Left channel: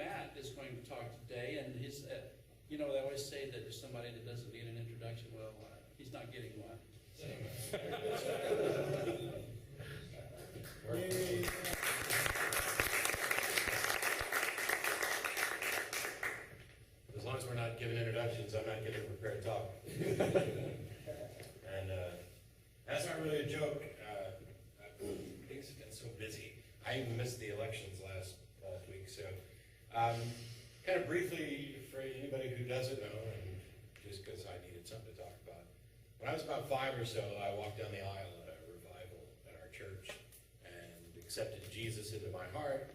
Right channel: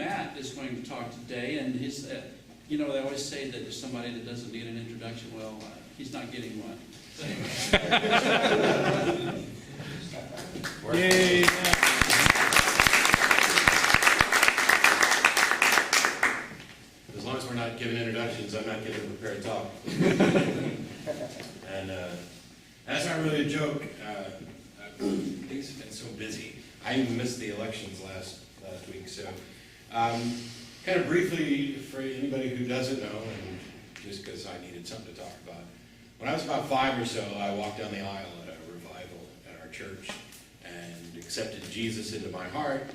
Matt is going to talk today, and his, you know, they always say that there's somebody that doesn't need an introduction. Well, he's not getting one. Yay! As long as we're not giving introductions, I'm not getting prepared to talk. And that's not really a joke. Things have been so busy. I even missed the elections last week. So kind of briefly, for anybody who doesn't know, and just because I needed something to talk about, when I was about 5 or so, I walked down the aisle at a revival at our church and accepted Jesus into my heart.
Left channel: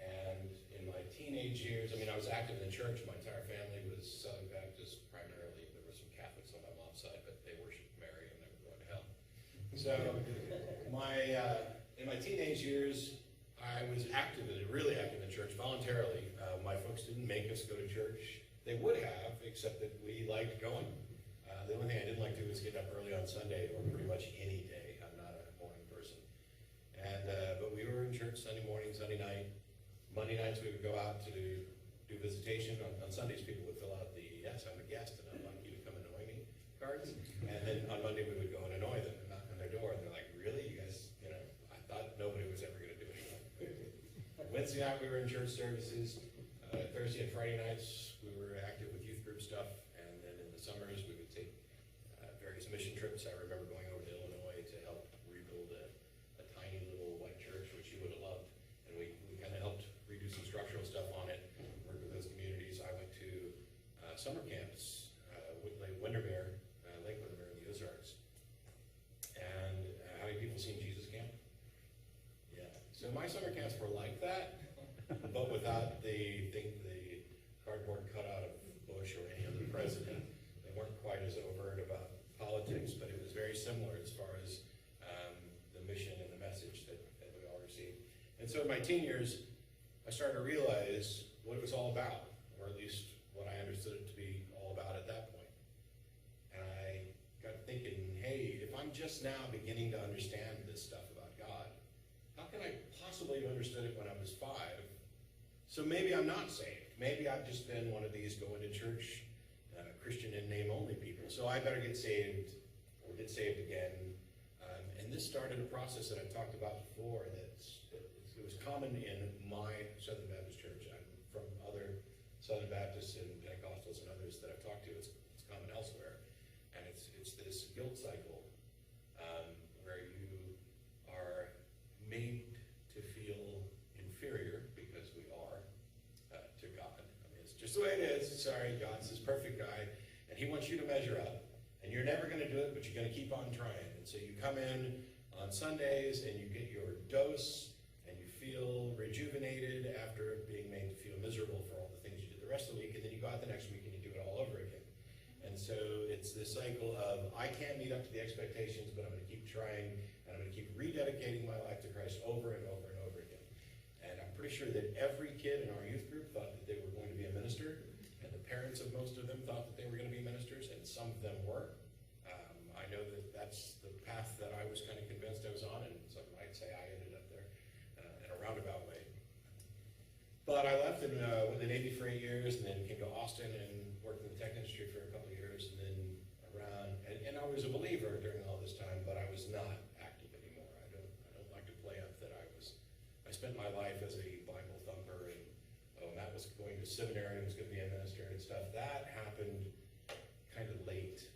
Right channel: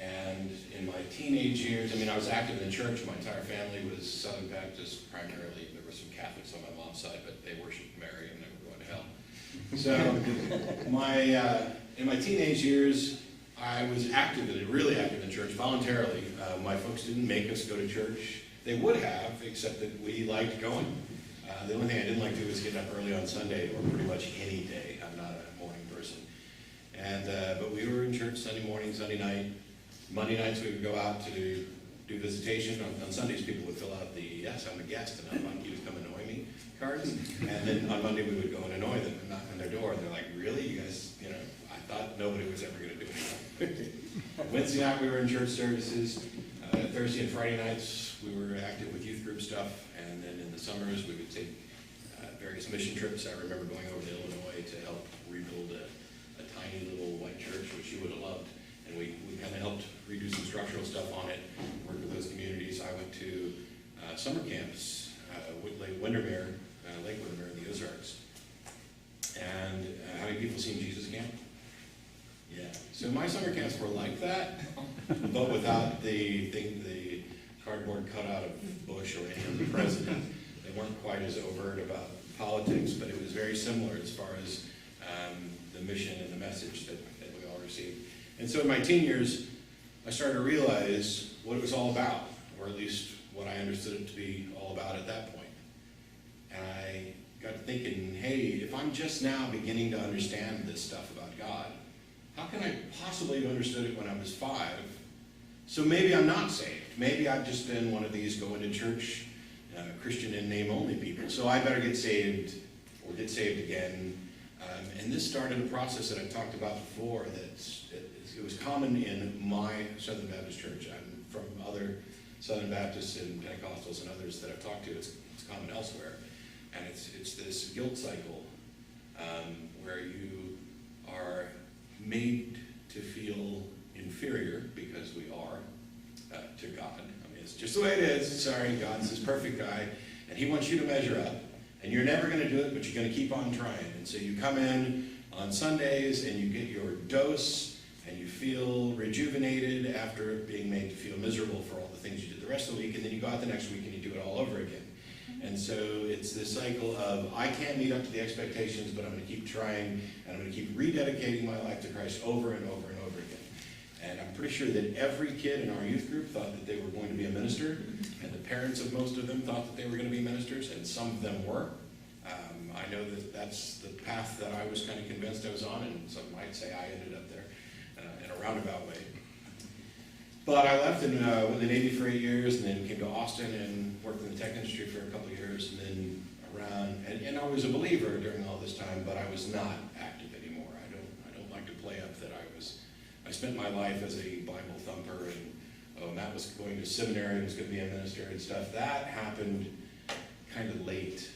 And in my teenage years, I mean, I was active in the church. My entire family was Southern Baptist primarily. There were some Catholics on my mom's side, but they worshiped Mary and they were going to hell. So in my teenage years, I was really active in church voluntarily. My folks didn't make us go to church. They would have, except that we liked going. The only thing I didn't like to do was get up early on Sunday or pretty much any day. I'm not a morning person. And but we were in church Sunday morning, Sunday night. Monday nights we would go out to do visitation. On Sundays people would fill out the "yes, I'm a guest and I'd like you to come annoy me" cards. And then on Monday we would go and annoy them and knock on their door. And they're like, "Really? You guys, you know, I thought nobody was ever going to do anything." Wednesday night we were in church services. Thursday and Friday nights we were active with youth group stuff. And then in the summers we would take various mission trips. I remember going over to Illinois to help rebuild a tiny little white church, which you would have loved. And we kind of helped redo some structural stuff on it, worked with those communities. I went to summer camps, Lake Windermere in the Ozarks. And how many people seen Jesus Camp? Yeah. So my summer camps were like that, but without the cardboard cutout of Bush or any other president. They weren't quite as overt about politics, but it was very similar as far as the mission and the message that we all received. And so in my teen years, I started to realize what it was all about, or at least what I understood it to be all about at that point. And I got to thinking, hey, if I'm just now beginning to understand this stuff about God, how can I possibly have understood it when I was 5? So maybe I'm not saved. Maybe I've just been one of these going to church, Christian in name only people. So I better get saved, or get saved again. And this started a process that I've talked about before. It was common in my Southern Baptist church. I'm from other Southern Baptists and Pentecostals and others that I've talked to. It's common elsewhere. And it's this guilt cycle where you are made to feel inferior, because we are, to God. I mean, it's just the way it is. Sorry, God's this perfect guy, and he wants you to measure up. And you're never going to do it, but you're going to keep on trying. And so you come in on Sundays and you get your dose, and you feel rejuvenated after being made to feel miserable for all the things you did the rest of the week, and then you go out the next week and you do it all over again. And so it's this cycle of, I can't meet up to the expectations, but I'm going to keep trying, and I'm going to keep rededicating my life to Christ over and over and over again. And I'm pretty sure that every kid in our youth group thought that they were going to be a minister, and the parents of most of them thought that they were going to be ministers, and some of them were. I know that that's the path that I was kind of convinced I was on, and some might say I ended up there in a roundabout way. But I left and went to the Navy for 8 years, and then came to Austin and worked in the tech industry for a couple of years, and then and I was a believer during all this time, but I was not active anymore. I don't like to play up that I spent my life as a Bible thumper, and Matt was going to seminary and was going to be a minister and stuff. That happened kind of late.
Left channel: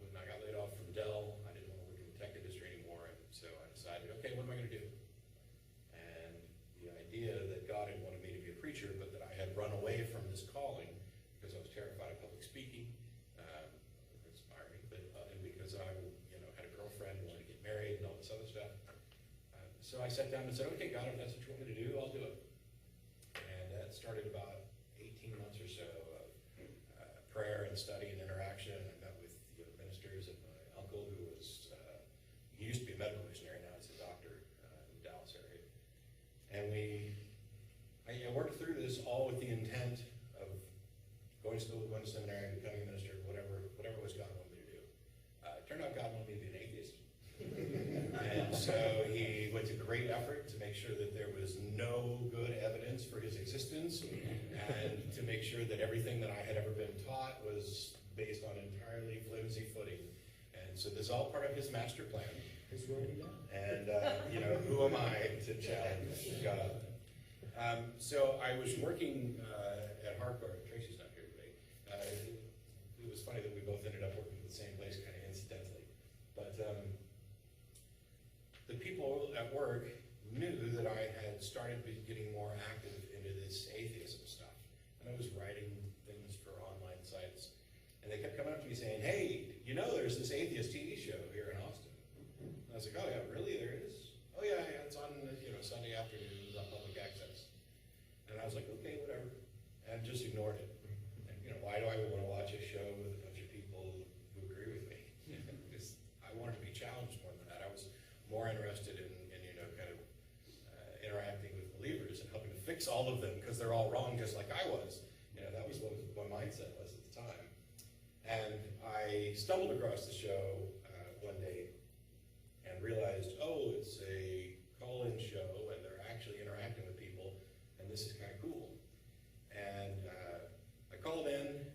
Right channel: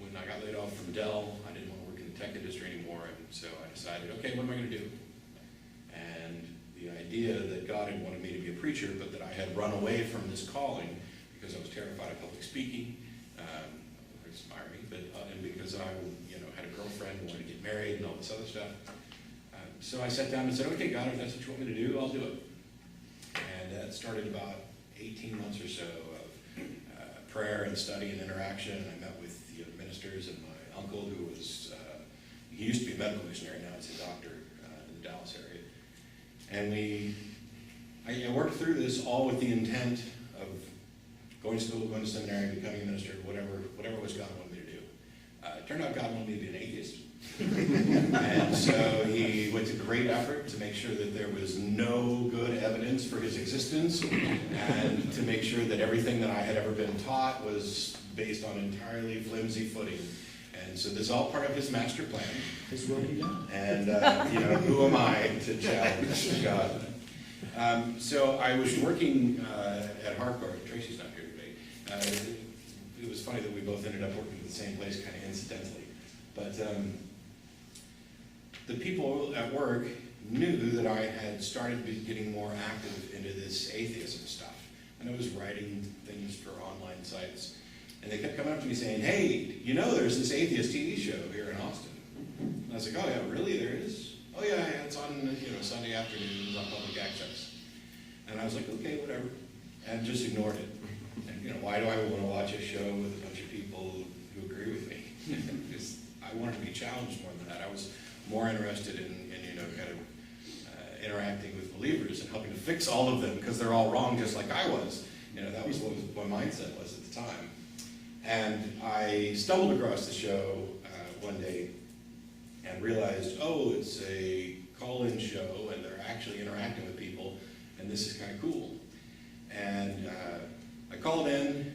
When I got laid off from Dell, I didn't want to work in the tech industry anymore, and so I decided, okay, what am I going to do? And the idea that God had wanted me to be a preacher, but that I had run away from this calling because I was terrified of public speaking, inspiring, but and because I had a girlfriend and wanted to get married and all this other stuff. So I sat down and said, okay, God, if that's what you want me to do, I'll do it. And that started about 18 months or so of prayer and study and interaction. And I met with ministers, and my uncle, who was, he used to be a medical missionary, now he's a doctor in the Dallas area. And I worked through this all with the intent of going to school, going to seminary, becoming a minister, whatever it was God wanted me to do. It turned out God wanted me to be an atheist. And so he went to great effort to make sure that there was no good evidence evidence for his existence, and to make sure that everything that I had ever been taught was based on entirely flimsy footing. And so this is all part of his master plan. His will be done. And, who am I to challenge God? So I was working at Harcourt. Tracy's not here today. It was funny that we both ended up working at the same place kind of incidentally. But the people at work knew that I had started getting more active into this atheism stuff. And I was writing things for online sites. And they kept coming up to me saying, hey, there's this atheist TV show here in Austin. And I was like, oh yeah, really, there is? Oh yeah, it's on Sunday afternoons on public access. And I was like, okay, whatever. And just ignored it. And why do I want to watch a show with a bunch of people who agree with me? Because I wanted to be challenged more than that. I was more interested in kind of interacting with believers and helping to fix all of them because they're all wrong just like I was. That was what my mindset was at the time. And I stumbled across the show one day and realized, oh, it's a call-in show and they're actually interacting with people, and this is kind of cool. And I called in.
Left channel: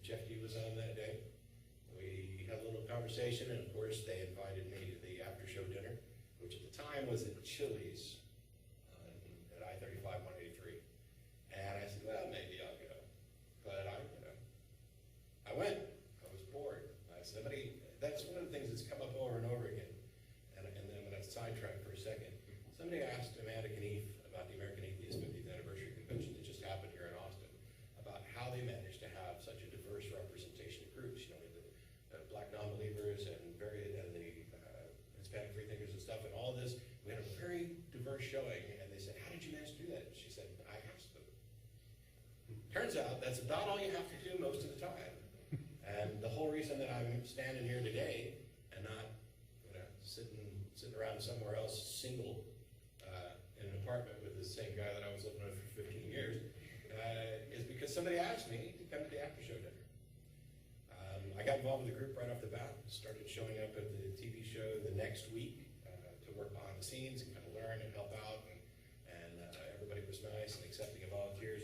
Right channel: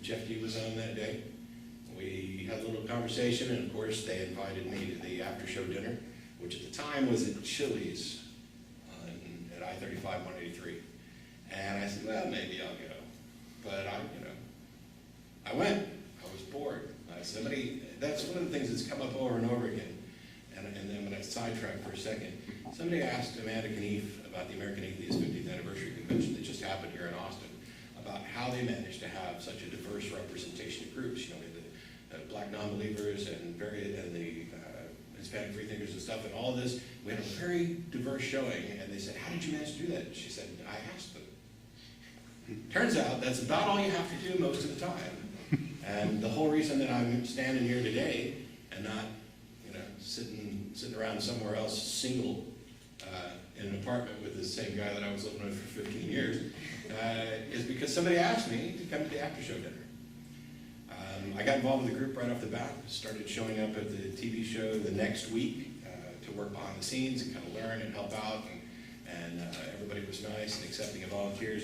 Jeff D was on that day. We had a little conversation, and of course they invited me to the after-show dinner, which at the time was at Chili's at I-35 183. And I said, well, maybe I'll go. But I went. I was bored. That's one of the things that's come up over and over again. And then I'm going to sidetrack for a second. Somebody asked Amanda Knief about the American Atheist 50th Anniversary Convention that just happened here in Austin, about how they managed to have such a diverse representation of groups. The black non-believers and the Hispanic freethinkers and stuff, and all of this. We had a very diverse showing, and they said, how did you manage to do that? And she said, I asked them. Turns out that's about all you have to do most of the time. And the whole reason that I'm standing here today and not, sitting around somewhere else single in an apartment with the same guy that I was living with for 15 years is because somebody asked me to come to the after-show dinner. I got involved with the group right off the bat, started showing up at the TV show the next week to work behind the scenes and kind of learn and help out, and everybody was nice and accepting of volunteers.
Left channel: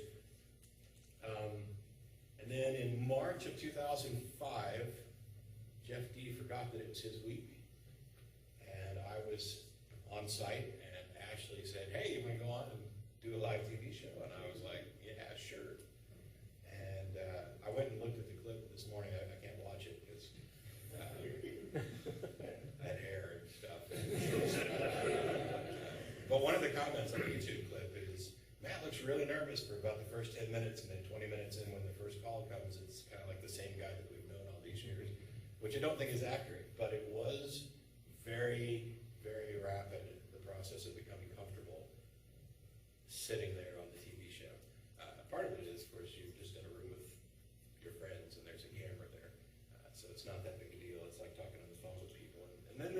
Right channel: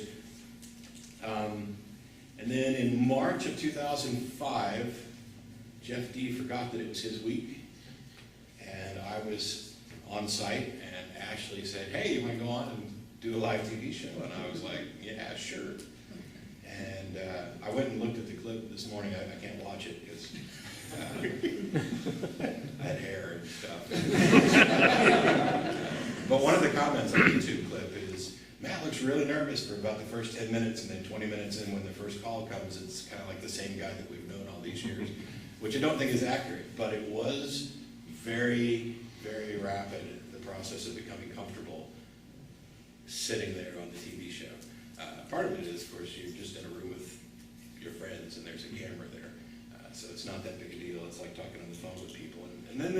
And then in March of 2005, Jeff D forgot that it was his week, and I was on site, and Ashley said, hey, you want to go on and do a live TV show? And I was like, yeah, sure. And I went and looked at the clip this morning. I can't watch it because I had hair and stuff. But one of the comments on the YouTube clip is, Matt looks really nervous for about the first 10 minutes, and then 20 minutes in when the first call comes, it's kind of like the same guy that we've known all these years, which I don't think is accurate, but it was very, very rapid, the process of becoming comfortable sitting there on the TV show. Part of it is, of course, you're just in a room with your friends, and there's a camera there, so it's not that big a deal. It's like talking on the phone with people. And then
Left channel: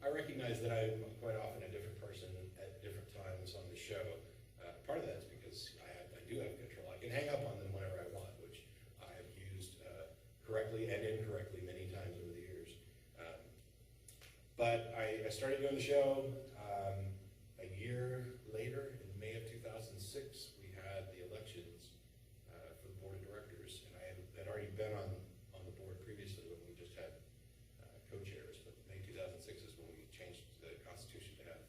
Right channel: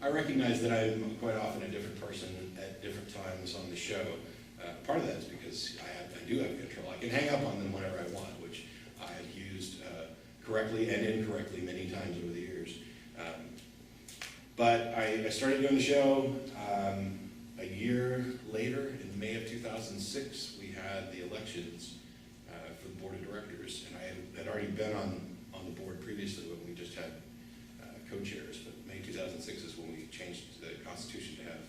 I recognize that I'm quite often a different person at different times on the show. Part of that is because I do have control. I can hang up on them whenever I want, which I have used correctly and incorrectly many times over the years. But I started doing the show a year later. In May of 2006, we had the elections for the board of directors, and I had already been on the board previously when we just had co-chairs. But May 2006 is when we changed the Constitution to have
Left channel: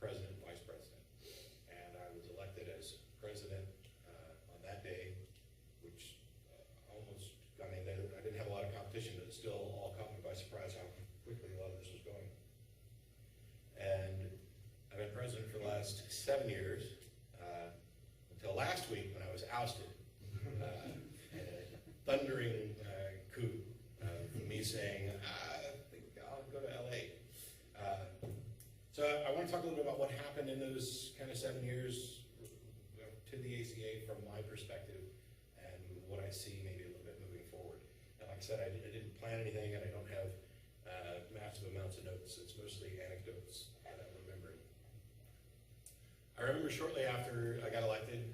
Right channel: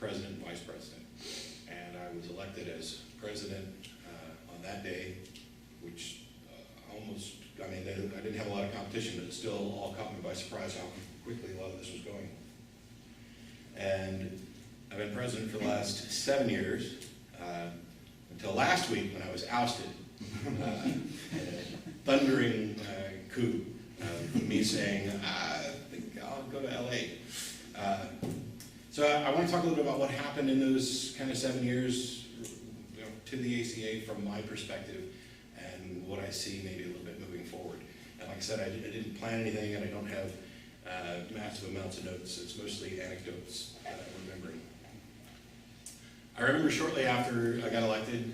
president and vice president. And I was elected as president on that day, which I didn't have a lot of competition, but it still all caught me by surprise how quickly a lot of this was going. And I've been president for the last 7 years, until last week when I was ousted. A thundering coup of me saying, I think I'll go to LA. So I want to talk a little bit about what happened in those kind of 7 years to the ACA from my perspective and what I see maybe a little bit moving forward. And like I said, I didn't plan anything, and I don't have massive amounts of notes. It's mostly anecdotes that I'm remembering. I remember shortly after I got elected,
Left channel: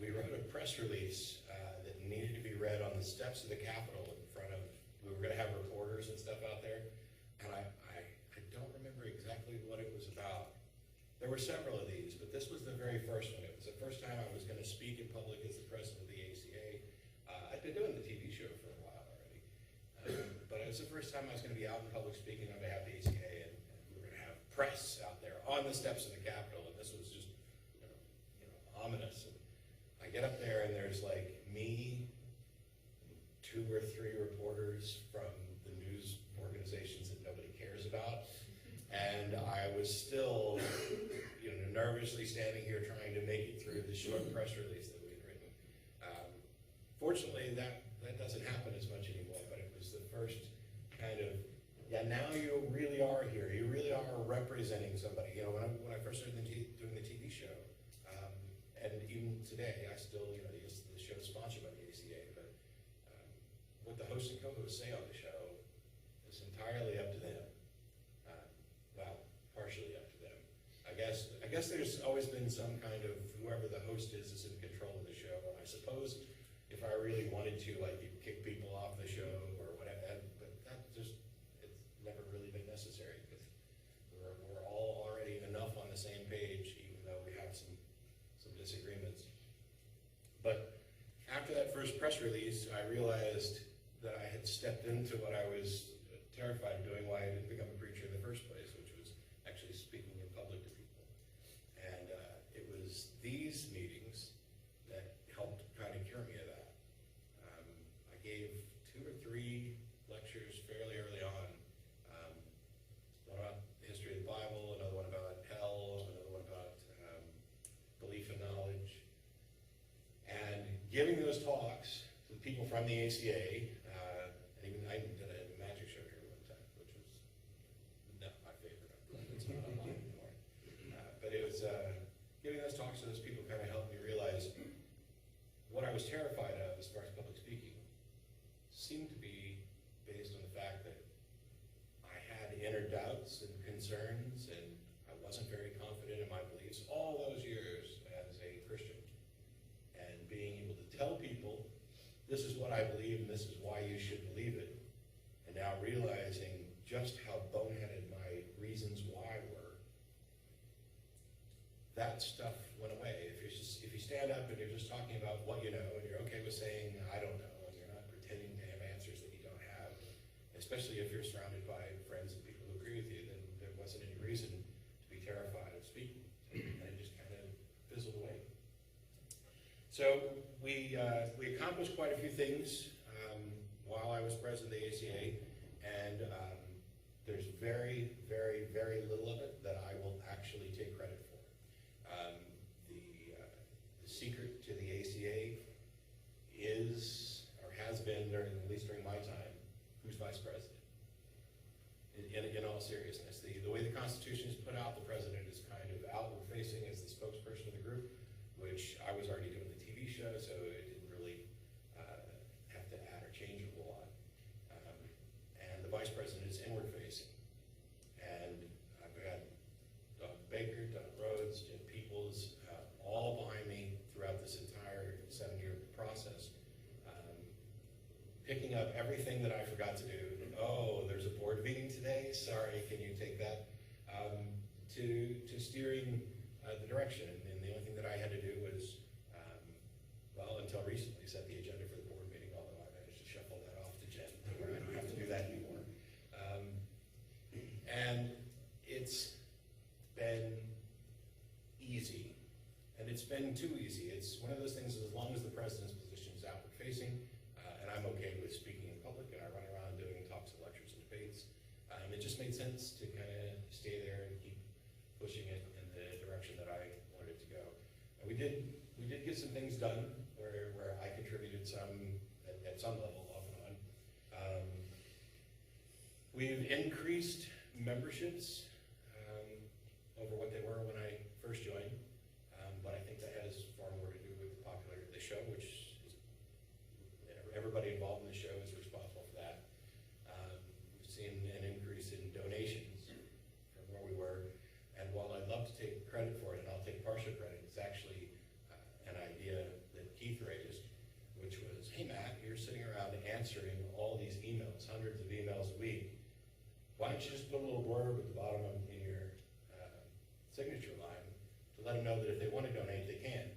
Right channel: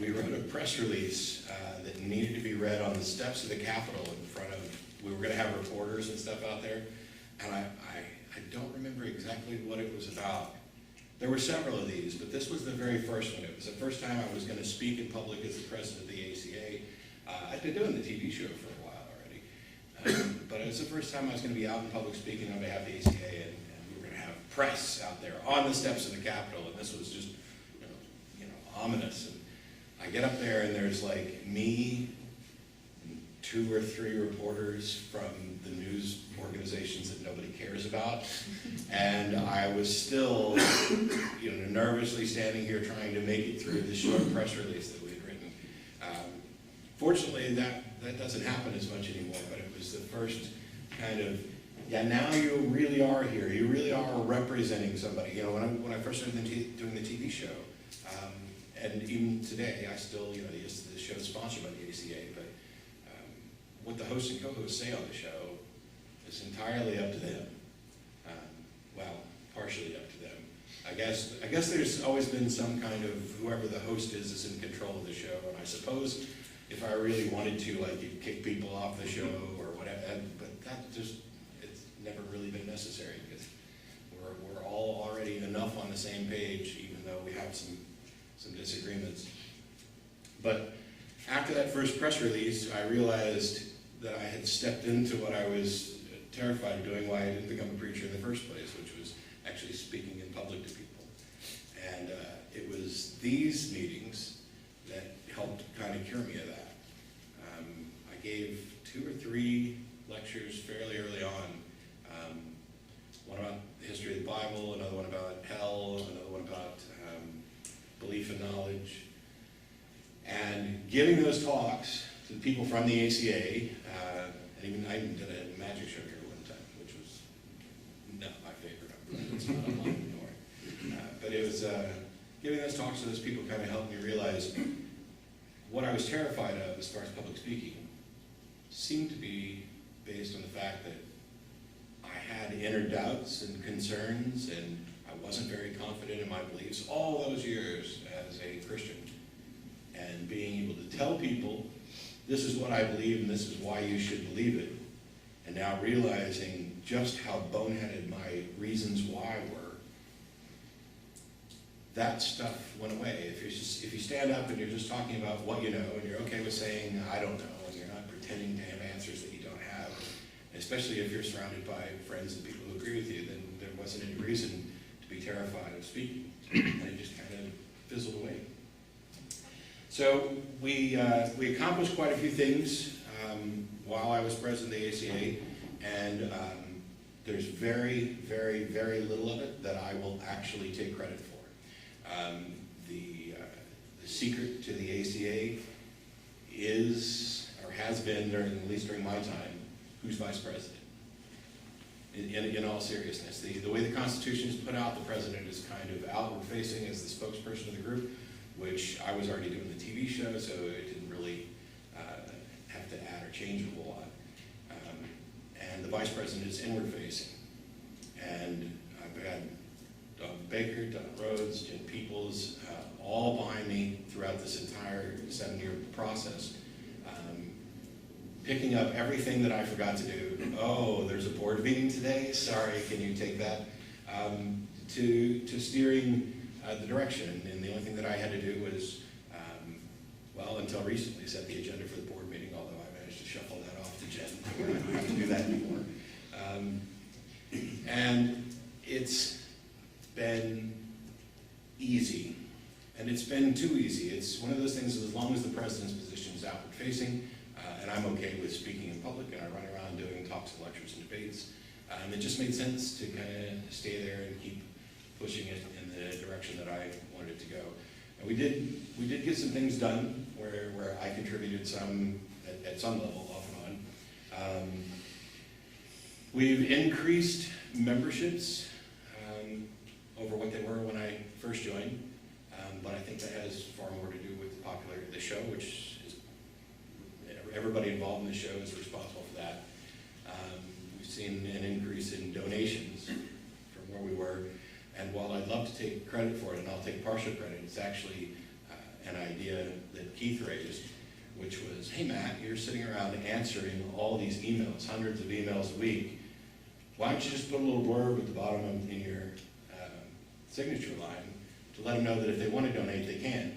we wrote a press release that needed to be read on the steps of the Capitol in front of, we were going to have reporters and stuff out there, and I don't remember exactly what it was about, There were several of these, but this was the very first one. It was the first time I was going to speak in public as the president of the ACA. I'd been doing the TV show for a while already, but it was the first time I was going to be out in public speaking on behalf of the ACA, and we were going to have press out there on the steps of the Capitol, and this was just, ominous. And I get up there, and there's like me, and 2 or 3 reporters from the news organizations that nobody cares about, and I was still, nervously standing here trying to make it through the short press release that we had written. Fortunately, that doesn't happen as much anymore, but it was the first kind of, now you really are here. You really are representing somebody. When I first started doing the TV show, and even today, I still, the show's sponsored by the ACA, but what the host and co-host say on the show is entirely up to them. Partially up to them. I guess there's always been some kind of, whoever the host is in control of the show, and I suppose if I really wanted to, you'd kick people off the show or whatever, but it's never really been necessary, because we're all already enough on the same page, even though we have some disagreements. But after that first press release, I realized that I had stepped into what I was terrified of doing, why I didn't become a preacher in the first place, which was actually speaking in public to people. And it was these meetings that helped kind of cure me of that. I gave 2 or 3 lectures fairly early on. One about the history of the Bible, another one about hell, another one about belief and knowledge. And giving those talks to the people from the ACA, and I even did a magic show here one time, which was not my favorite. It's not online anymore. But it was giving those talks to those people kind of helped me realize what I was terrified of as far as public speaking seemed to be based on the fact that I had inner doubts and concerns, and I wasn't very confident in my beliefs all those years as a Christian. And being able to tell people, this is what I believe and this is why you should believe it, and now realizing just how boneheaded my reasons why were, that stuff went away. If you stand up and you're just talking about what you know, and you're okay with saying, I don't know, and you're not pretending to have answers that you don't have, especially if you're surrounded by friends and people who agree with you, then there wasn't any reason to be terrified of speaking, and it just kind of fizzled away. So we accomplished quite a few things while I was president of the ACA, and there's very, very, very little of it that I will actually take credit for. The secret to the ACA is, or has been, at least during my time, who's vice president. In all seriousness, the way the Constitution is put out, the president is kind of outward-facing as the spokesperson of the group, which I was already doing the TV show, so it didn't really have to add or change a whole lot. And the vice president is inward-facing. And I've had Don Baker, Don Rhodes, Jen Peoples, all behind me throughout this entire 7-year process, picking up everything that I forgot to do. Oh, there's a board meeting today? Sorry, can you take that? To steering the direction. And the only thing that I had to do was, until recently, set the agenda for the board meeting, although I managed to shuffle that off to Jen, where I don't have to do that anymore. And it's been easy. And it's been too easy. It's one of those things that as long as the president's position is outward facing, and I'm okay with speaking in public, and I run around doing talks and lectures and debates, it just made sense to kind of stay there and keep pushing it in the direction that I wanted it to go. And we did get some things done where I contributed some at some level, off and on. We've increased memberships over what they were when I first joined, but I think that has far more to do with the popularity of the show, which is everybody involved in the show is responsible for that. We've seen an increase in donations from where we were, and while I'd love to take credit for it, and I'll take partial credit, it's actually an idea that Keith raised, which was, hey Matt, you're sitting around answering all these emails, hundreds of emails a week. Why don't you just put a little blurb at the bottom in your signature line to let them know that if they want to donate, they can.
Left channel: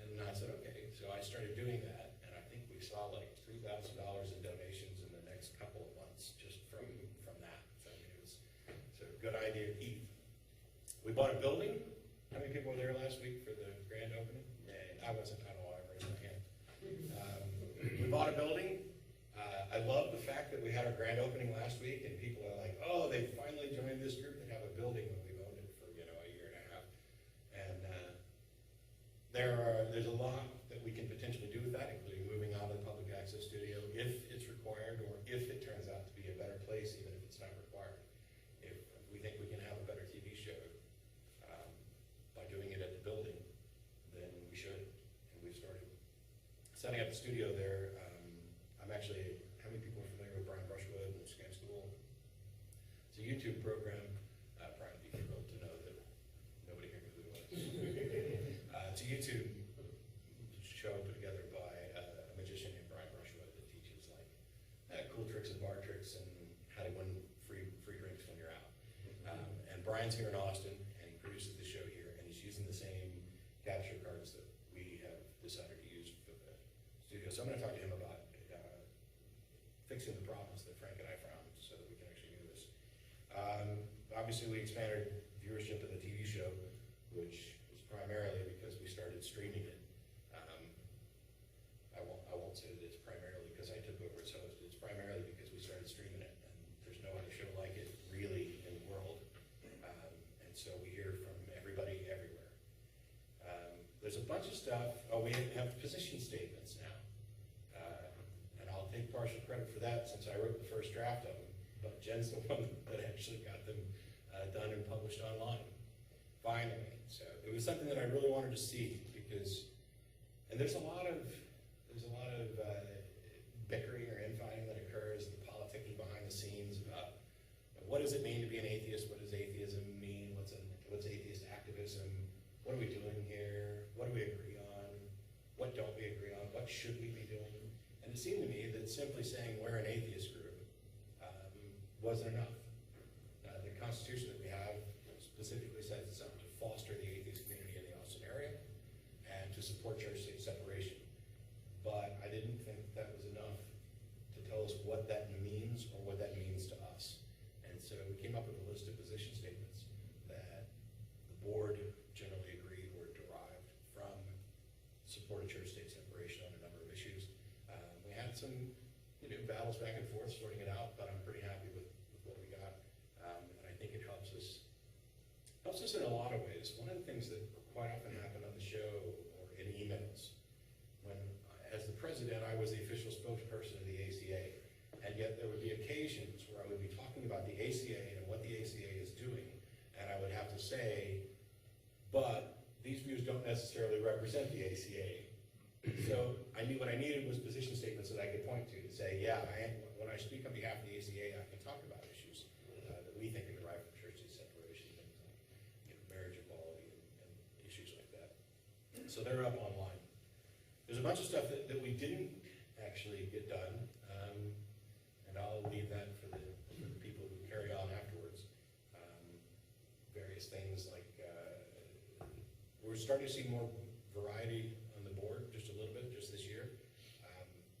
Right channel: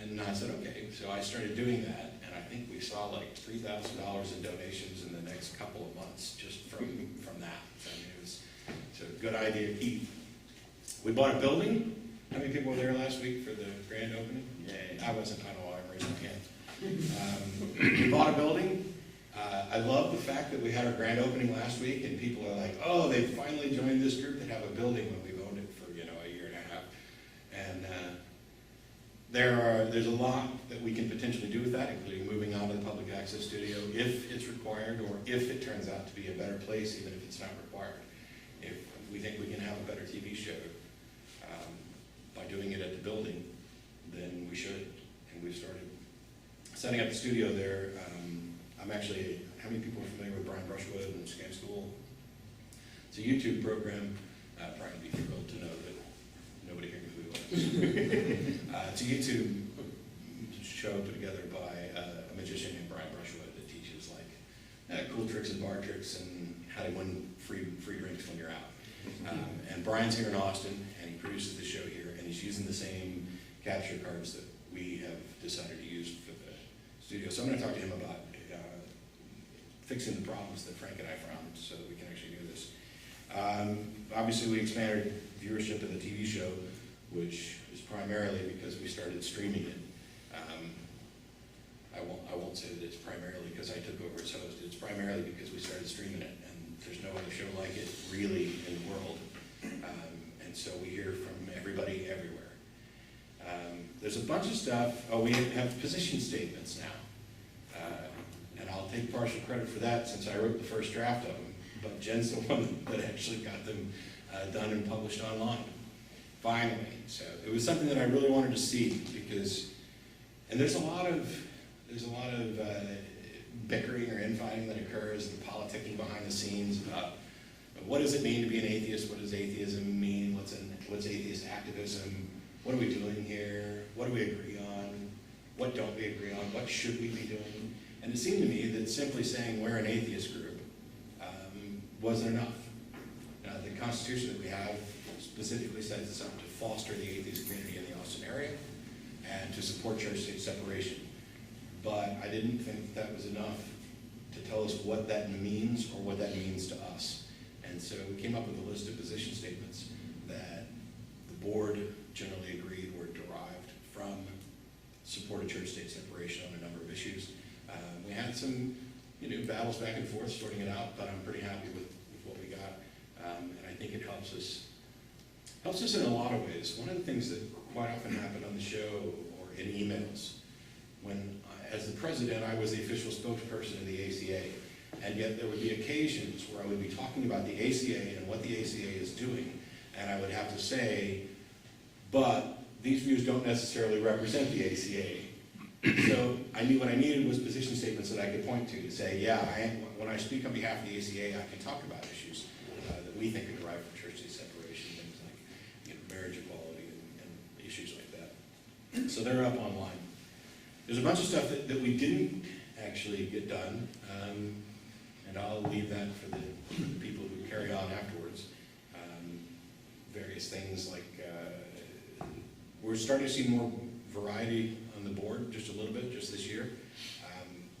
And I said, okay. So I started doing that, and I think we saw like $3,000 in donations in the next couple of months just from that. So, I mean, it's a good idea to keep. We bought a building. How many people were there last week for the grand opening? Yay. I wasn't. I don't know why I'm raising my hand. We bought a building. I love the fact that we had our grand opening last week, and people are like, oh, they finally joined this group that have a building when we've owned it for, a year and a half. And there's a lot that we can potentially do with that, including moving on to the public access studio if it's required, or if it turns out to be a better place, even if it's not required. If we think we can have a better TV show by doing it at the building, then we should. And we've started setting up the studio there. I'm actually, how many people are familiar with Brian Brushwood and Scam School? It's a YouTube program. Brian would be thrilled to know that nobody here knew who he was. It's a YouTube show put together by a magician named Brian Brushwood that teaches cool tricks and bar tricks and how to win free drinks when you're out. And Brian's here in Austin, and he produces the show here, and he's using the same capture cards that we have decided to use for the studio. So I'm going to talk to him about fixing the problems that Frank and I found so that we can actually do this. Obviously, we expanded viewership of the TV show, which is primarily because we started streaming it. I won't say that it's primarily because I took over as host. It's primarily because we started streaming it, and there's no other show like it really in the world. And so we hear from everybody everywhere. There's a bunch of stuff. Oh, we have position statements now. And I'll take partial credit for that since I wrote the first draft of them, but Jen's the one that actually got them done and published online, finally. So it was something that I really wanted to see because, and there's a lot of bickering or infighting that occurs and politicking behind the scenes about what does it mean to be an atheist, what does atheism mean, what's atheist activism, what are we doing here, what do we agree on, what don't we agree on, what should we be doing. And it seemed to me that simply saying we're an atheist group wasn't enough. The Constitution that we have specifically sets us up to foster the atheist community in the Austin area and to support church-state separation. But I didn't think that was enough to tell us what that means or what that means to us. And so we came up with a list of position statements that the board generally agreed were derived from support of church-state separation on a number of issues. We had some, battles back and forth sorting it out, but I'm pretty happy with what we got. And I think it helps us in a lot of ways. One of the things that quite often happened on the show or in emails, when as the president, I was the official spokesperson of the ACA, and yet there would be occasions where I would be talking about the ACA and what the ACA is doing, and I would have to say, but these views don't necessarily represent the ACA. So I knew what I needed was position statements that I could point to say, yeah, when I speak on behalf of the ACA, I can talk about issues that we think are derived from church-state separation, things like marriage equality and issues like that. So they're up online. There's a bunch of stuff that we didn't actually get done, and I'll leave that for the people who carry on afterwards. Various things like we're starting to see more variety on the board, just a little bit, just this year,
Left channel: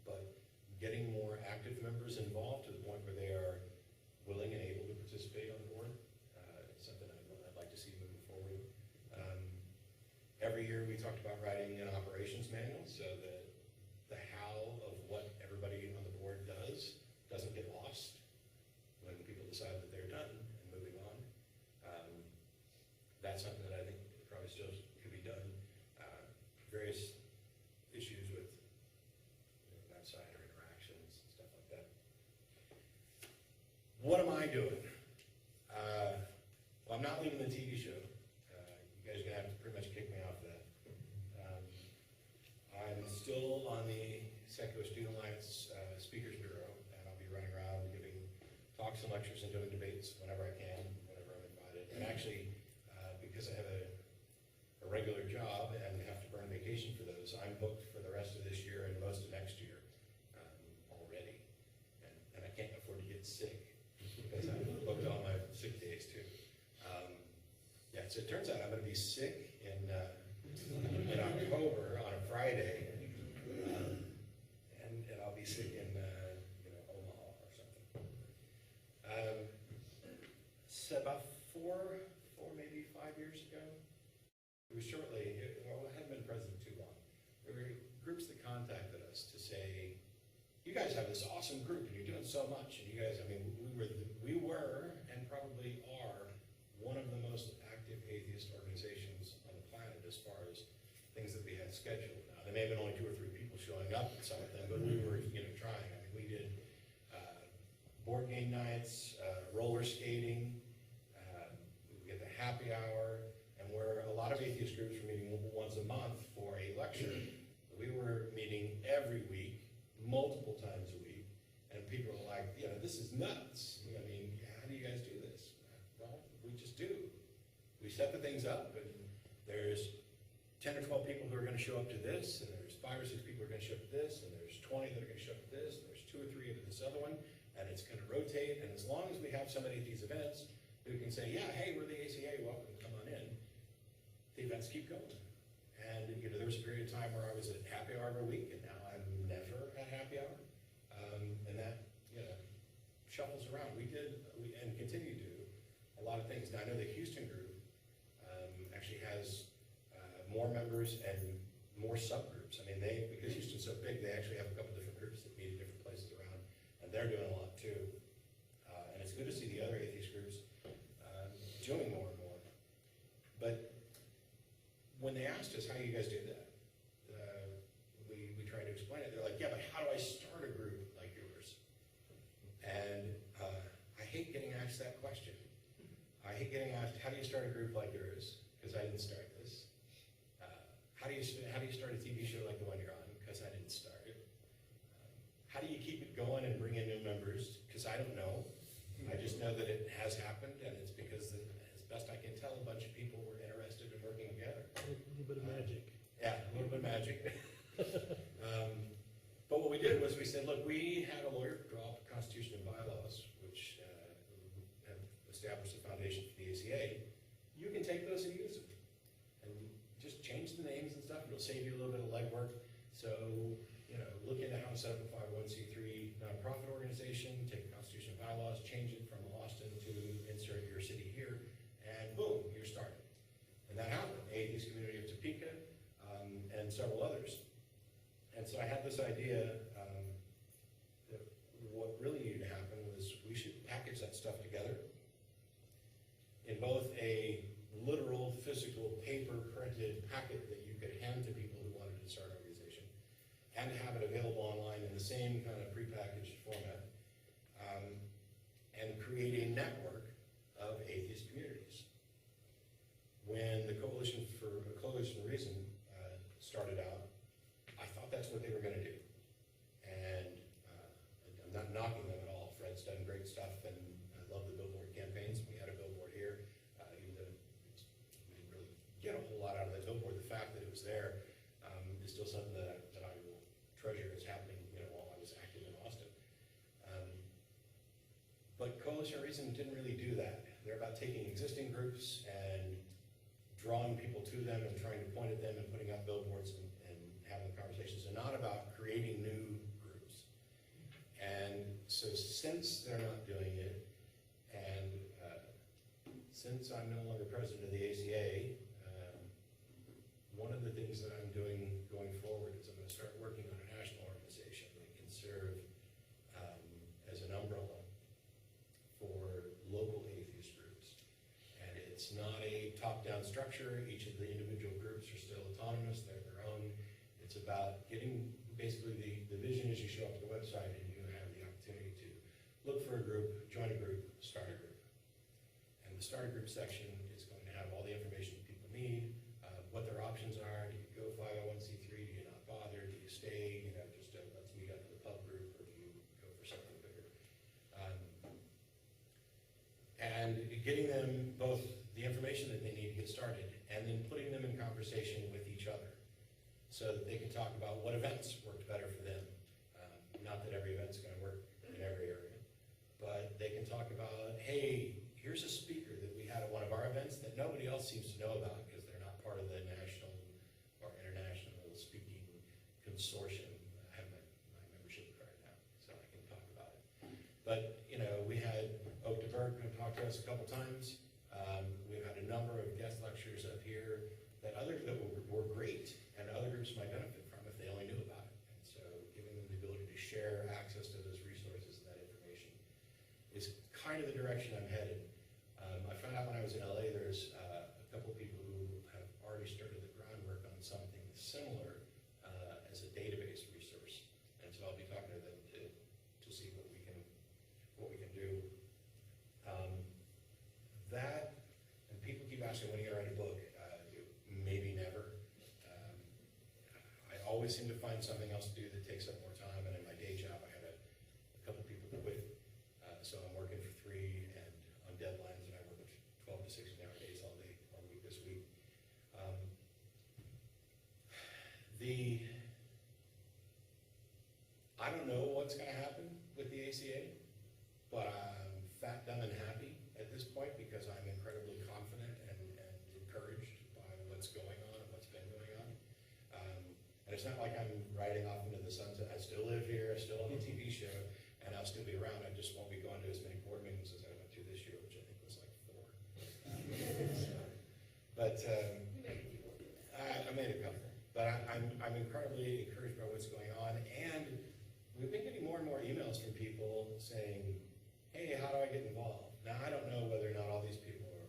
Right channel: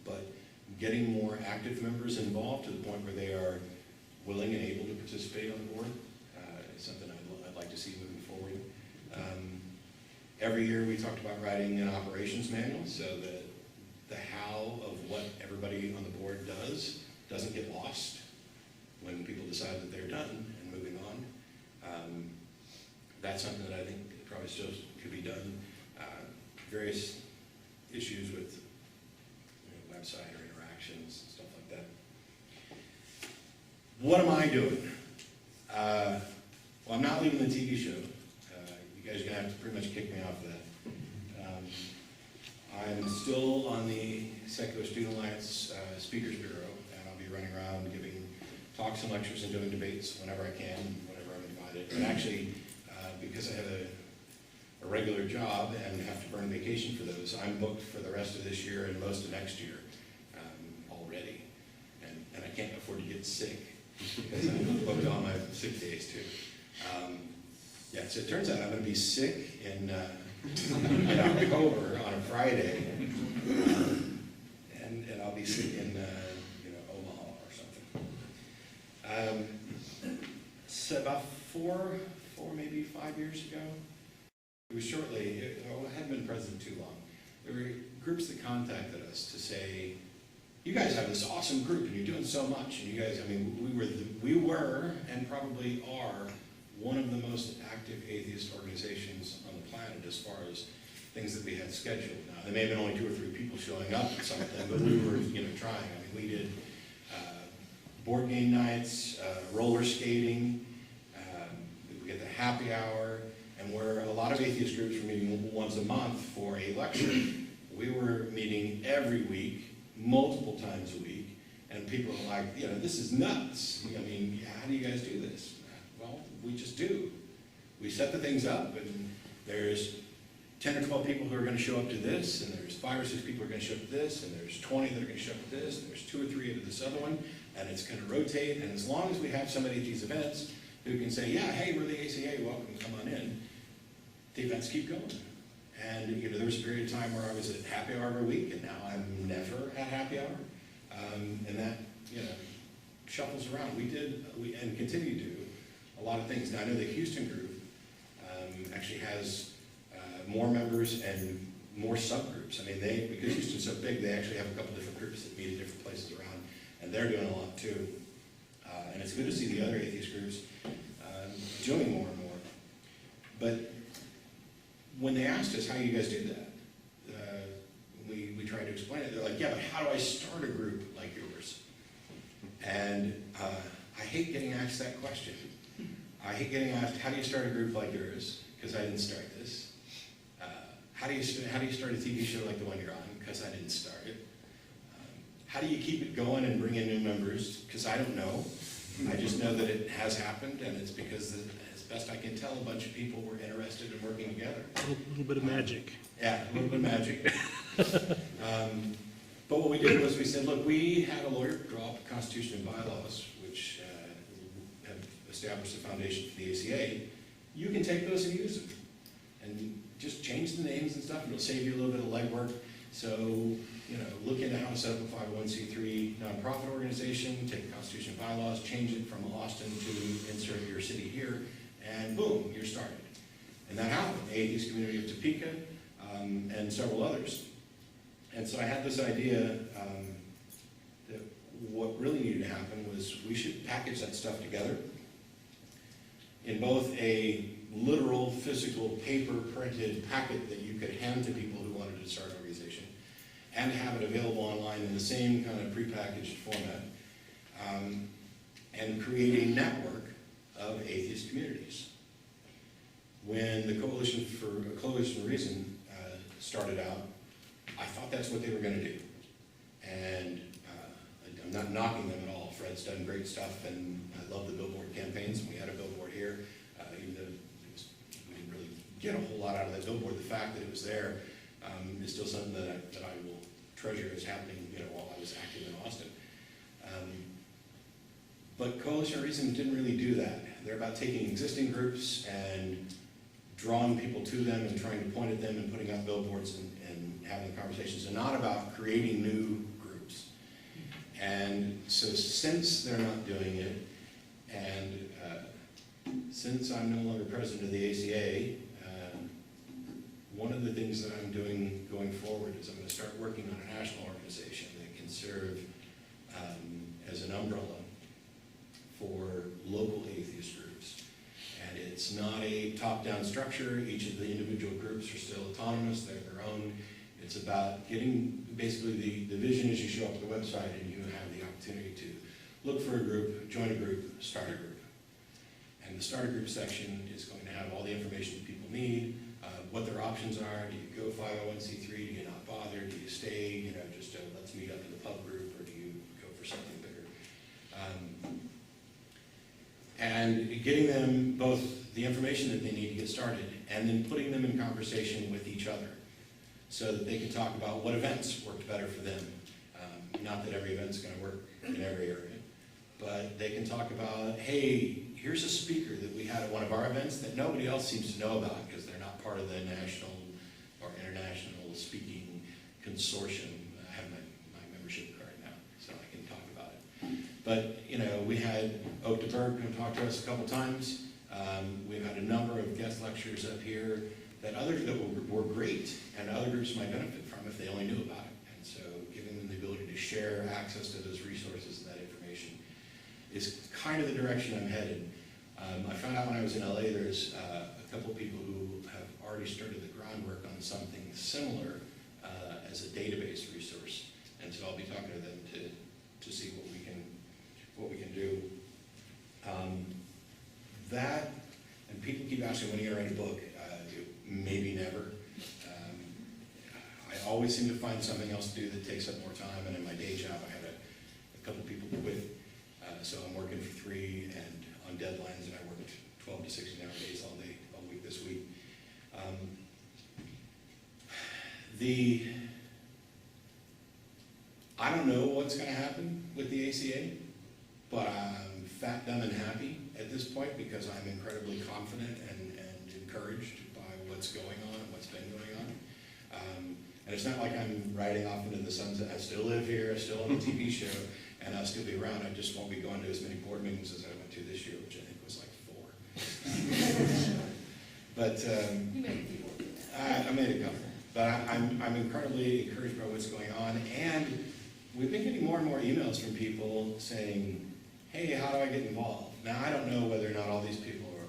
but getting more active members involved to the point where they are willing and able to participate on the board is something I'd like to see moving forward. Every year we talked about writing an operations manual so that the how of what everybody on the board doesn't get lost when people decide that they're done and moving on. That's something that I think probably still could be done. Various issues with website or interactions, stuff like that. What am I doing? Well, I'm not leaving the TV show. You guys are going to have to pretty much kick me off of that. I'm still on the Secular Student Alliance Speakers Bureau, and I'll be running around giving talks and lectures and doing debates whenever I can, whenever I'm invited. And actually, because I have a regular job and have to burn vacation for those, I'm booked for the rest of this year and most of next year already. And I can't afford to get sick because I'm booked all my sick days too. Yeah, so it turns out I'm going to be sick in October on a Friday, and I'll be sick in Omaha or something. So about four, maybe 5 years ago, it was shortly. I hadn't been president too long. There were groups that contacted us to say, "You guys have this awesome group, and you're doing so much." And you guys, I mean, we were, and probably are, one of the most active atheist organizations on the planet as far as things that we had scheduled. Now, there may have been only 2 or 3 people showing up at something, but we were, trying. I mean, we did board game nights, roller skating, we get the happy hour, and where a lot of atheist groups were meeting once a month for a lecture, we were meeting every week, multiple times a week, and people are like, this is nuts. I mean, how do you guys do this? Well, we just do. We set the things up, and there's 10 or 12 people who are going to show up to this, and there's 5 or 6 people who are going to show up to this, and there's 20 that are going to show up to this, and there's 2 or 3 to this other one, and it's going to rotate. And as long as we have somebody at these events who can say, "Yeah, hey, we're the ACA, welcome, come on in," the events keep going. And there was a period of time where I was at happy hour every week, and now I'm never at happy hour, and that shuffles around. We and continue to do a lot of things. Now I know the Houston group actually has more members and more subgroups. I mean, because Houston's so big, they actually have a couple different groups that meet at different places around, and they're doing a lot too. And it's good to see the other atheist groups doing more and more. But when they asked us, "How do you guys do that?" we tried to explain it. They're like, "Yeah, but how do I start a group like yours?" And I hate getting asked that question. I hate getting asked, "How do you start a group like yours?" Because I didn't start this. How do you start a TV show like the one you're on? Because I didn't start it. How do you keep it going and bring in new members? Because I don't know. I just know that it has happened, and it's because, as best I can tell, a bunch of people were interested in working together. A little bit of magic. Yeah, a little bit of magic. But what we did was we said, look, we had a lawyer draw up a constitution and bylaws, which have established the foundation for the ACA. You can take those and use them. And just change the names and stuff, and it'll save you a little bit of legwork. So, look into how to set up a 501c3 nonprofit organization, take the constitution and bylaws, change it from Austin to insert your city here, and boom, you're started. And that happened. Atheist Community of Topeka, and several others. And so I had this idea that what really needed to happen was we should package that stuff together in both a literal, physical, paper-printed packet that you could hand to people who wanted to start an organization, and have it available online in the same kind of prepackaged format, and create a network of atheist communities. When the Coalition for Reason started out, I thought that's what they were going to do. And I'm not knocking them at all. Fred's done great stuff, and I love the billboard campaigns. We had a billboard here, even though we didn't really get a whole lot out of that billboard. The fact that it was there is still something that I will treasure as happening, while I was active in Austin. But Coalition of Reason didn't really do that. They're about taking existing groups and drawing people to them and trying to point at them and putting up billboards and having conversations, and not about creating new groups. And so since they're not doing it, and since I'm no longer president of the ACA, one of the things that I'm doing going forward is I'm going to start working on a national organization that can serve as an umbrella for local atheist groups. And it's not a top-down structure. Each of the individual groups are still autonomous. They're their own. It's about getting, basically the vision is you show up at the website and you have the opportunity to look for a group, join a group, start a group. And the start a group section is going to have all the information that people need, what their options are. Do you go 501c3? Do you not bother? Do you stay, just let's meet up in the pub group, or do you go for something bigger? And getting them both the information that they need to get started, and then putting them in conversation with each other, so that they can talk about what events worked better for them. Not that every event's going to work in every area, but they can talk about, hey, here's a speaker that we had at one of our events that nobody else seems to know about because they're not part of the national or international speaking consortium. I have my membership card now, so I can talk about it. But, you know, we had Oak de Berg come talk to us a couple times. We've had a number of guest lectures up here that others that were great and other groups might benefit from if they only knew about it. And so giving them the ability to share access to those resources and that information is kind of the direction I'm headed. I found out when I was in LA there's a couple people who have already started the groundwork on something similar as a database resource. And so I'll be talking to them to see what we can do. That, and people keep asking when are you going to write a book? Maybe never. I always seem to find something else to do that takes up more time, and in my day job I had a couple people quit, so I'm working for 3 and on deadlines, and I worked 12 to 16-hour days all week this week. I don't know what's going to happen with the ACA, but I'm fat, dumb, and happy at this point because I'm incredibly confident and encouraged by what's going on and what's been going on. And it's not like I'm riding off into the sunset. I still live here, I still on a TV show, and I'll still be around. I just won't be going to as many board meetings as I went to this year, which I think was like 4. But You made a few more than that. I made a couple. But I'm incredibly encouraged by what's going on, and we've been getting more and more emails from people saying, hey, how do I get involved? Now, I don't know whether or not all these people are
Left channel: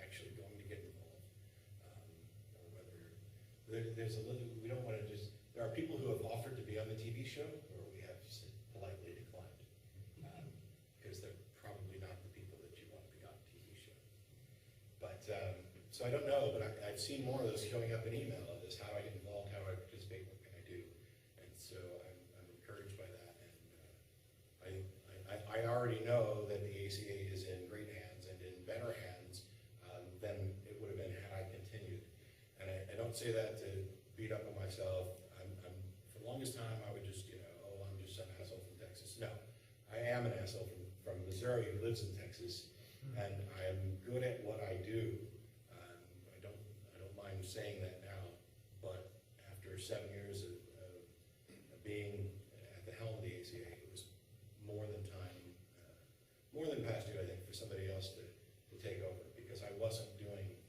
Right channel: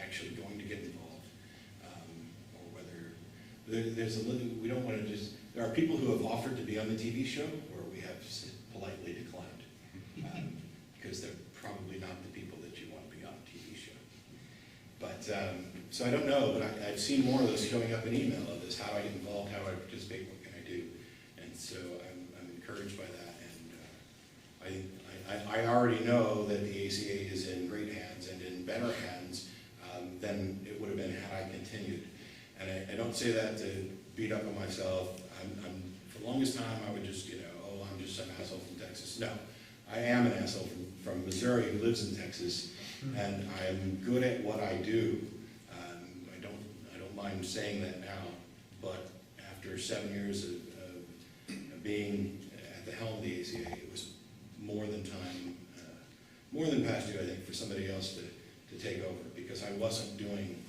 actually going to get involved, or whether there's a little, we don't want to just, there are people who have offered to be on the TV show where we have politely declined, because they're probably not the people that you want to be on a TV show. But, so I don't know, but I've seen more of those showing up in email of this, how do I get involved, how do I participate, what can I do? And so I'm encouraged by that, and I already know that the ACA is in great hands and in better hands than it would have been had I continued. And I don't say that to beat up on myself. For the longest time, I would just, oh, I'm just some asshole from Texas. No, I am an asshole from Missouri who lives in Texas, and I'm good at what I do. I don't mind saying that now, but after 7 years of being at the helm of the ACA, it was more than time, more than past due, I think, for somebody else to take over, because I wasn't doing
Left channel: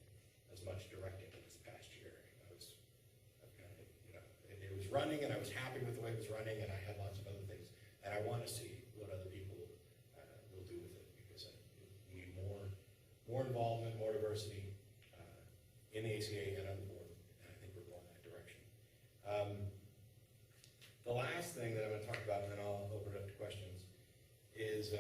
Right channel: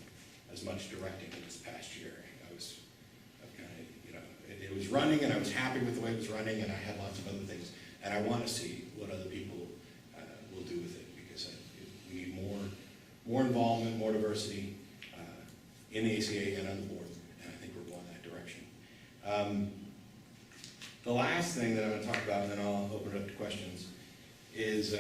as much directing in this past year. It was running, and I was happy with the way it was running, and I had lots of other things, and I want to see what other people will do with it, because we need more involvement, more diversity in the ACA and on the board, and I think we're going that direction. The last thing that I'm going to talk about, and then I'll open it up to questions, is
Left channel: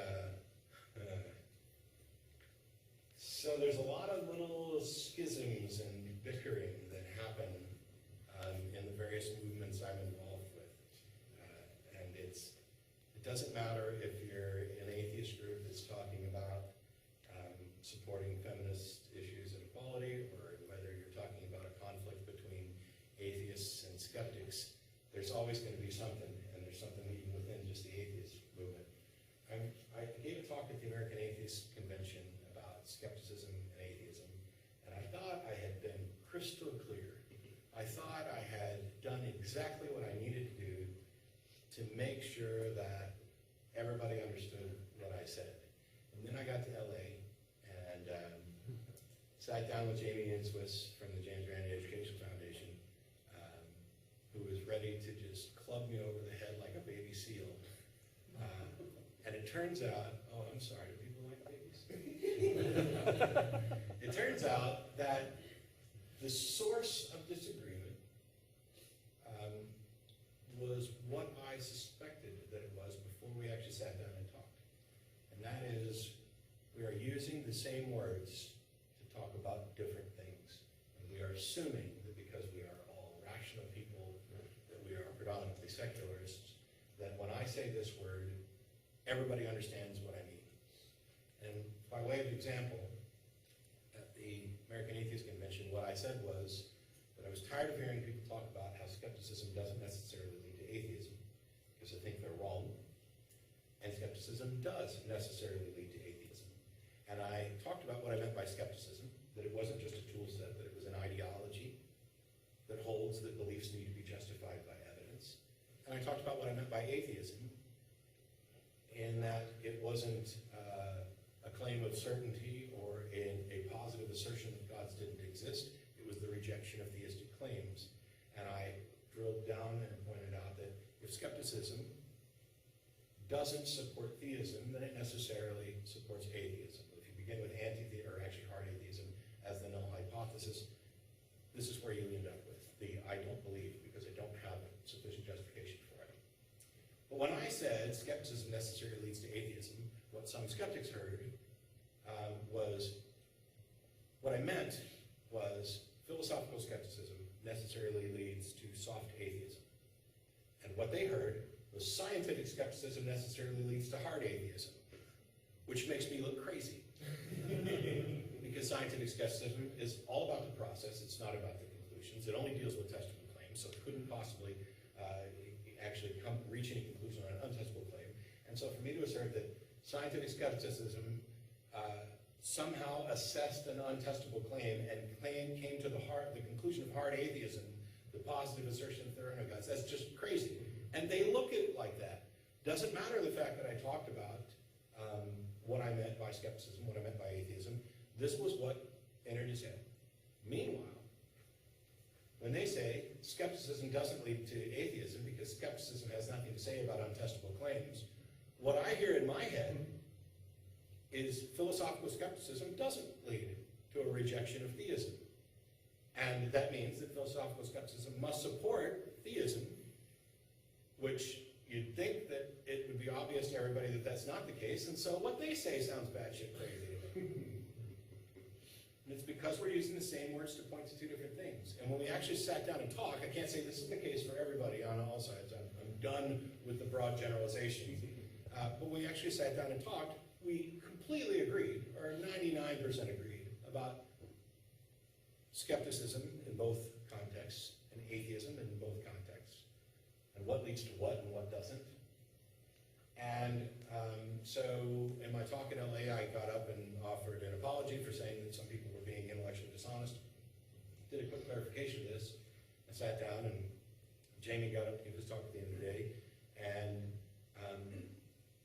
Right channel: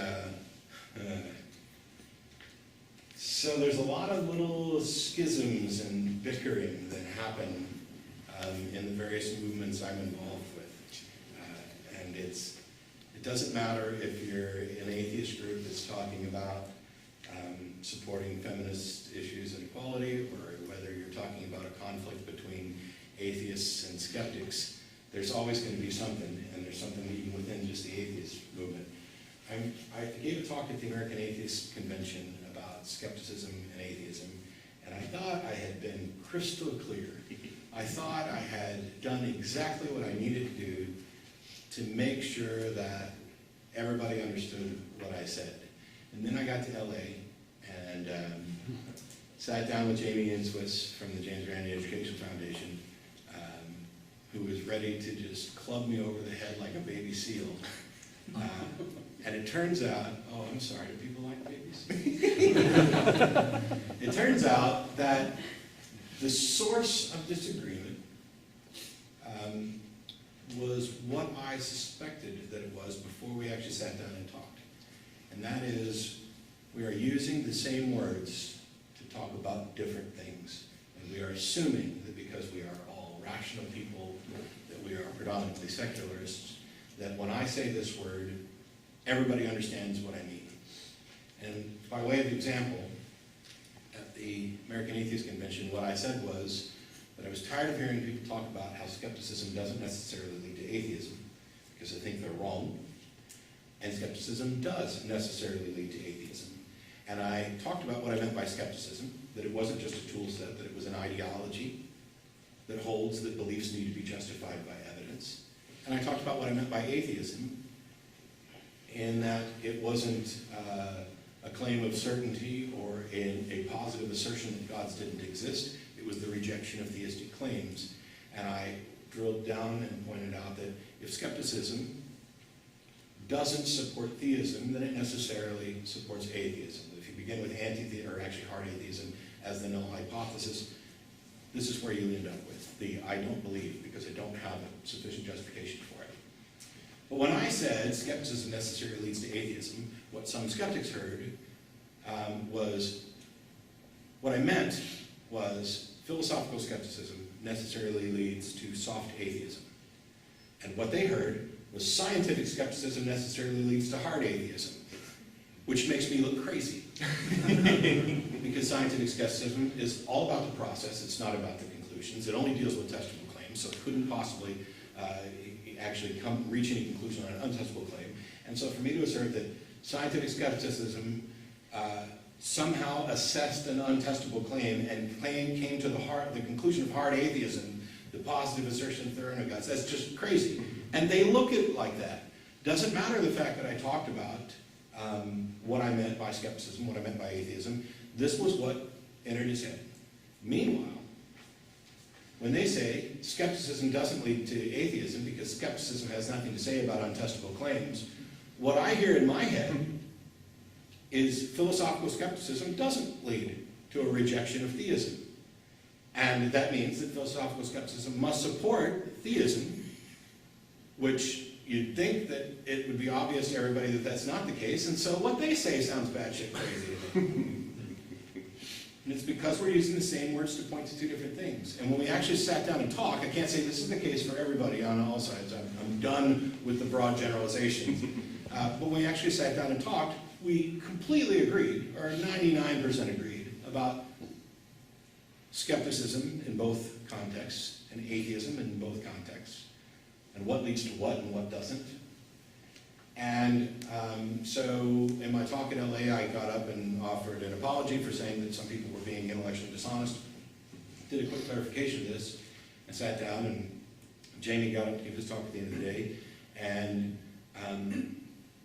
so there's a lot of little schisms and bickering that happen in the various movements I'm involved with. And it doesn't matter if you're an atheist group that's talking about supporting feminist issues and equality, or whether you're talking about a conflict between atheists and skeptics. There's always going to be something, and there's something even within just the atheist movement. I gave a talk at the American Atheist Convention about skepticism and atheism, and I thought I had been crystal clear. I thought I had done exactly what I needed to do to make sure that everybody understood what I said. And then I got to LA and sat down with Jamie Inswitz from the James Randi Education Foundation, who was ready to just club me over the head like a baby seal. And it turns out, oh, I'm sorry, do people like babies? It turns out that the source of disagreement was what I suspected that it was before we actually sat down and talked. And that is, we are using the same words to talk about different things. And we are assuming that because we are all rational people, that we are predominantly secularists, that when I say this word, everybody understands what I mean. And by way of example, at the American Atheist Convention, what I said was that I was tired of hearing people talk about how skepticism doesn't necessarily lead to atheism, because I think they're wrong, and skepticism does necessarily lead to atheism. And I talked about what I meant by skepticism, that it wasn't just a tool set, that it was an ideology that holds that beliefs need to be justified by evidence. And I talked about what I meant by atheism, in that it wasn't a claim of certainty or in a positive assertion that gods didn't exist. It was the rejection of theistic claims. And I drilled down and pointed out that if skepticism doesn't support theism, then it necessarily supports atheism. If you begin with anti-theism, or actually hard atheism, as the null hypothesis, this is where you end up with the I don't believe, because I don't have a sufficient justification for it. But when I said skepticism necessarily leads to atheism, what some skeptics heard was, what I meant was philosophical skepticism necessarily leads to soft atheism. And what they heard was scientific skepticism necessarily leads to hard atheism, which makes me look crazy. Because scientific skepticism is all about the process, it's not about the conclusions. It only deals with testable claims, so it couldn't possibly actually reach any conclusion on an untestable claim. And so for me to assert that scientific skepticism somehow assessed an untestable claim and came to the conclusion of hard atheism, the positive assertion of there are no gods, that's just crazy. And they look at it like that. Doesn't matter the fact that I talked about what I meant by skepticism, what I meant by atheism. This was what entered his head. Meanwhile, when they say skepticism doesn't lead to atheism because skepticism has nothing to say about untestable claims, what I hear in my head is philosophical skepticism doesn't lead to a rejection of theism. And that means that philosophical skepticism must support theism, which you'd think that it would be obvious to everybody that that's not the case, and so what they say sounds batshit crazy to me. And it's because we're using the same words to point to two different things. And when we actually sat down and talked, I can't say this is the case for everybody on all sides. I'm done with the broad generalizations. But when we actually sat down and talked, we completely agreed, or 99% agreed, about skepticism in both contexts and atheism in both contexts, and what leads to what and what doesn't. And so in my talk in LA, I got up and offered an apology for saying that some people were being intellectually dishonest. Did a quick clarification of this, and sat down, and Jamie got up to give his talk at the end of the day, and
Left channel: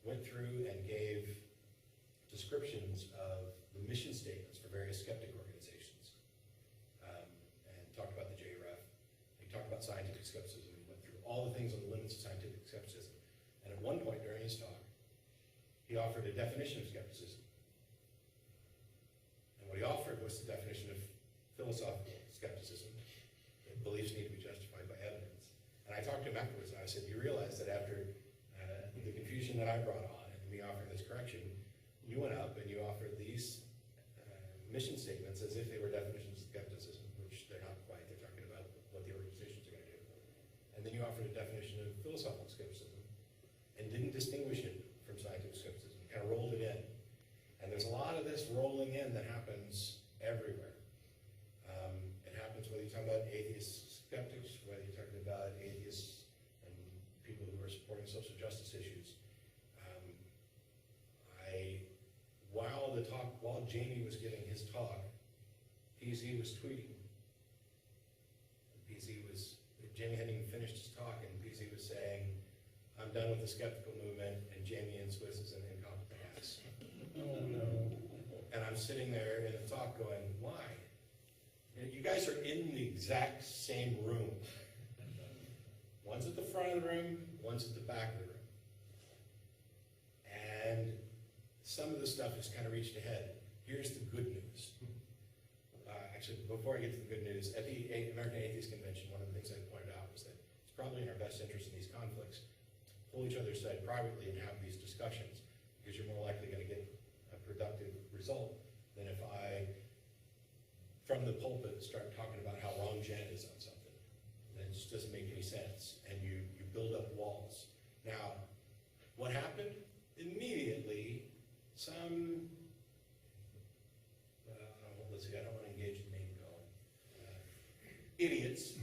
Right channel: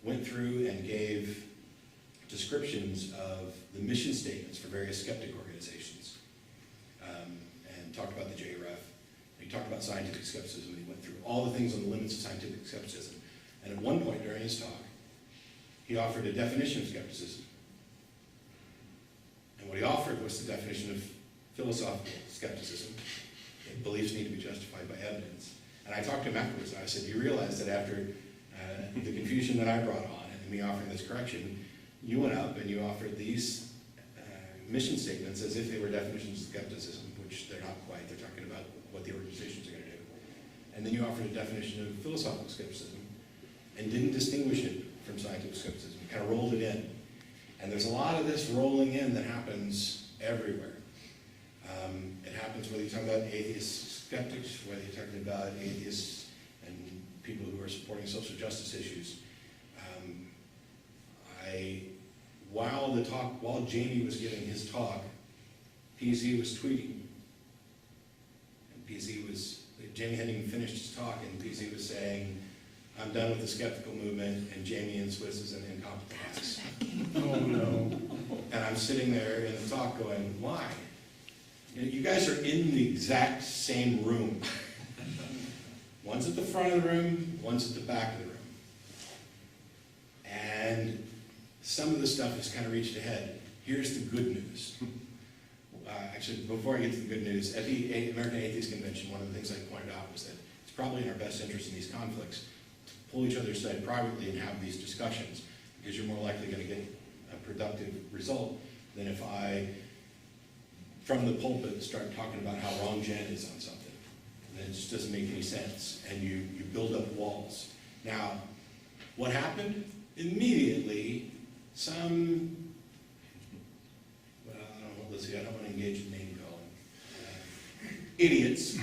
went through and gave descriptions of the mission statements for various skeptic organizations, and talked about the JREF. He talked about scientific skepticism, and he went through all the things on the limits of scientific skepticism. And at one point during his talk, he offered a definition of skepticism. And what he offered was the definition of philosophical skepticism, that beliefs need to be justified by evidence. And I talked to him afterwards, and I said, you realize that after the confusion that I brought on, and me offering this correction, you went up and you offered these mission statements as if they were definitions of skepticism, which they're not quite. They're talking about what the organizations are going to do. And then you offered a definition of philosophical skepticism and didn't distinguish it from scientific skepticism. You kind of rolled it in. And there's a lot of this rolling in that happens everywhere. It happens whether you're talking about atheist skeptics, whether you're talking about atheists and people who are supporting social justice issues. While Jamie was giving his talk, PZ was tweeting. And Jamie hadn't even finished his talk, and PZ was saying, I'm done with the skeptical movement, and Jamie and Swiss is an incompetent ass. Oh no. And I'm sitting there in the talk going, why? You guys are in the exact same room. One's at the front of the room, one's at the back of the room. And some of the stuff has kind of reached a head. Here's the good news. Actually, before I get to the good news, at the American Atheist Convention, one of the things I pointed out was that it's probably in our best interest in these conflicts to pull each other aside privately and have these discussions, because you're more likely going to get a productive result than if I, from the pulpit, start talking about how wrong Jen is on something. And it just doesn't make any sense, and you build up walls. Now, what happened? Immediately, some, well, I don't want to engage in name calling. Idiots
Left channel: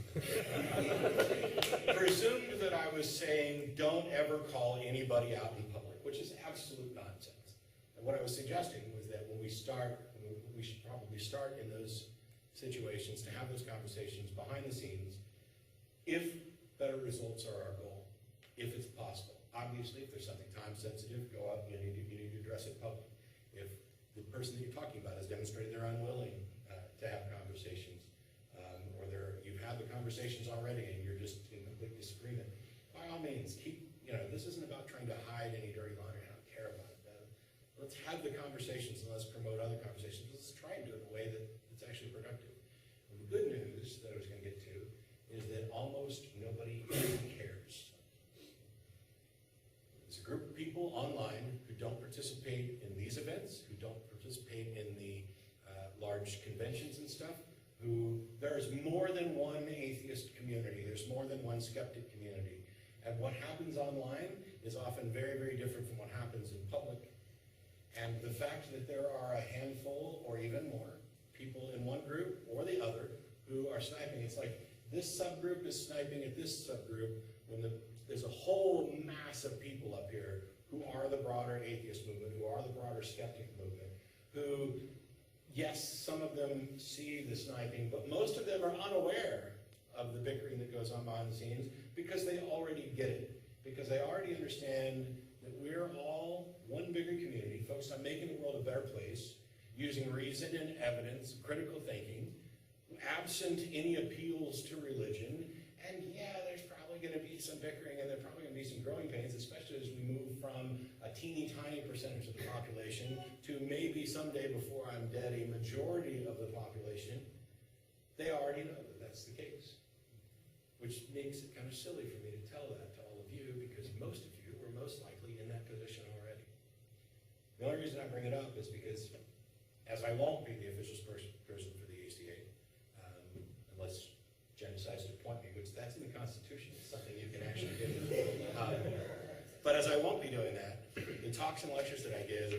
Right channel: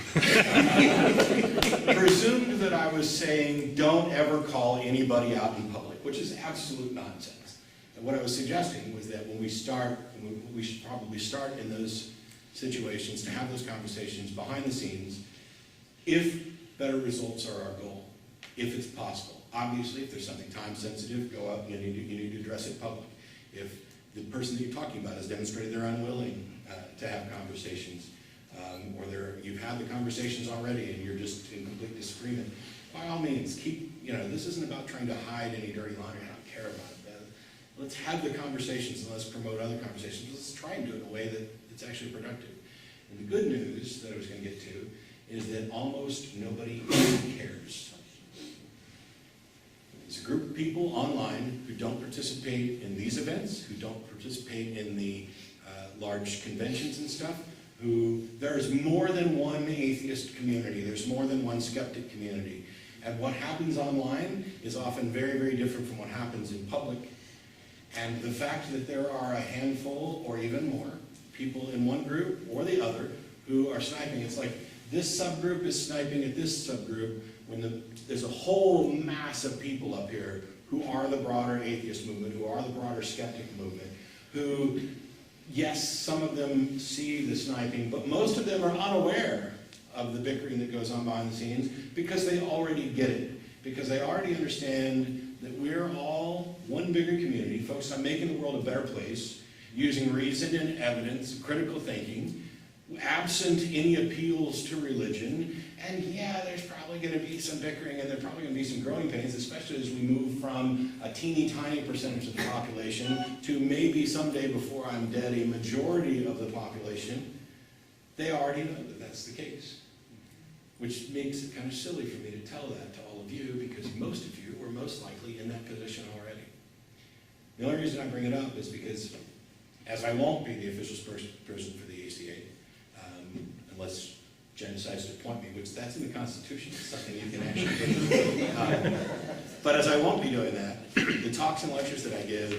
presumed that I was saying don't ever call anybody out in public, which is absolute nonsense. And what I was suggesting was that when we start, we should probably start in those situations to have those conversations behind the scenes, if better results are our goal, if it's possible. Obviously, if there's something time sensitive, go out and you need to address it public. If the person that you're talking about has demonstrated they're unwilling to have conversations, or you've had the conversations already and you're just in complete disagreement, by all means, this isn't about trying to hide any dirty laundry. I don't care about it. Let's have the conversations and let's promote other conversations. Let's try and do it in a way that's actually productive. And the good news that I was going to get to is that almost nobody cares. There's a group of people online who don't participate in these events, who don't participate in the large conventions and stuff, there is more than one atheist community, there's more than one skeptic community. And what happens online is often very, very different from what happens in public. And the fact that there are a handful or even more people in one group or the other who are sniping, it's like this subgroup is sniping at this subgroup when there's a whole mass of people up here who are the broader atheist movement, who are the broader skeptic movement, who, yes, some of them see the sniping, but most of them are unaware of the bickering that goes on behind the scenes because they already get it, because they already understand that we're all one bigger community focused on making the world a better place, using reason and evidence, critical thinking, absent any appeals to religion. And yeah, there's probably going to be some bickering and there's probably going to be some growing pains, especially as we move from a teeny tiny percentage of the population to maybe someday before I'm dead, a majority of the population. They already know that that's the case, which makes it kind of silly for me to tell that to all of you because most of you were most likely in that position already. The only reason I bring it up is because, as I won't be the official person for the ACA, unless Jen decides to appoint me, which that's in the Constitution, it's something you can actually do. But as I won't be doing that, the talks and lectures that I give,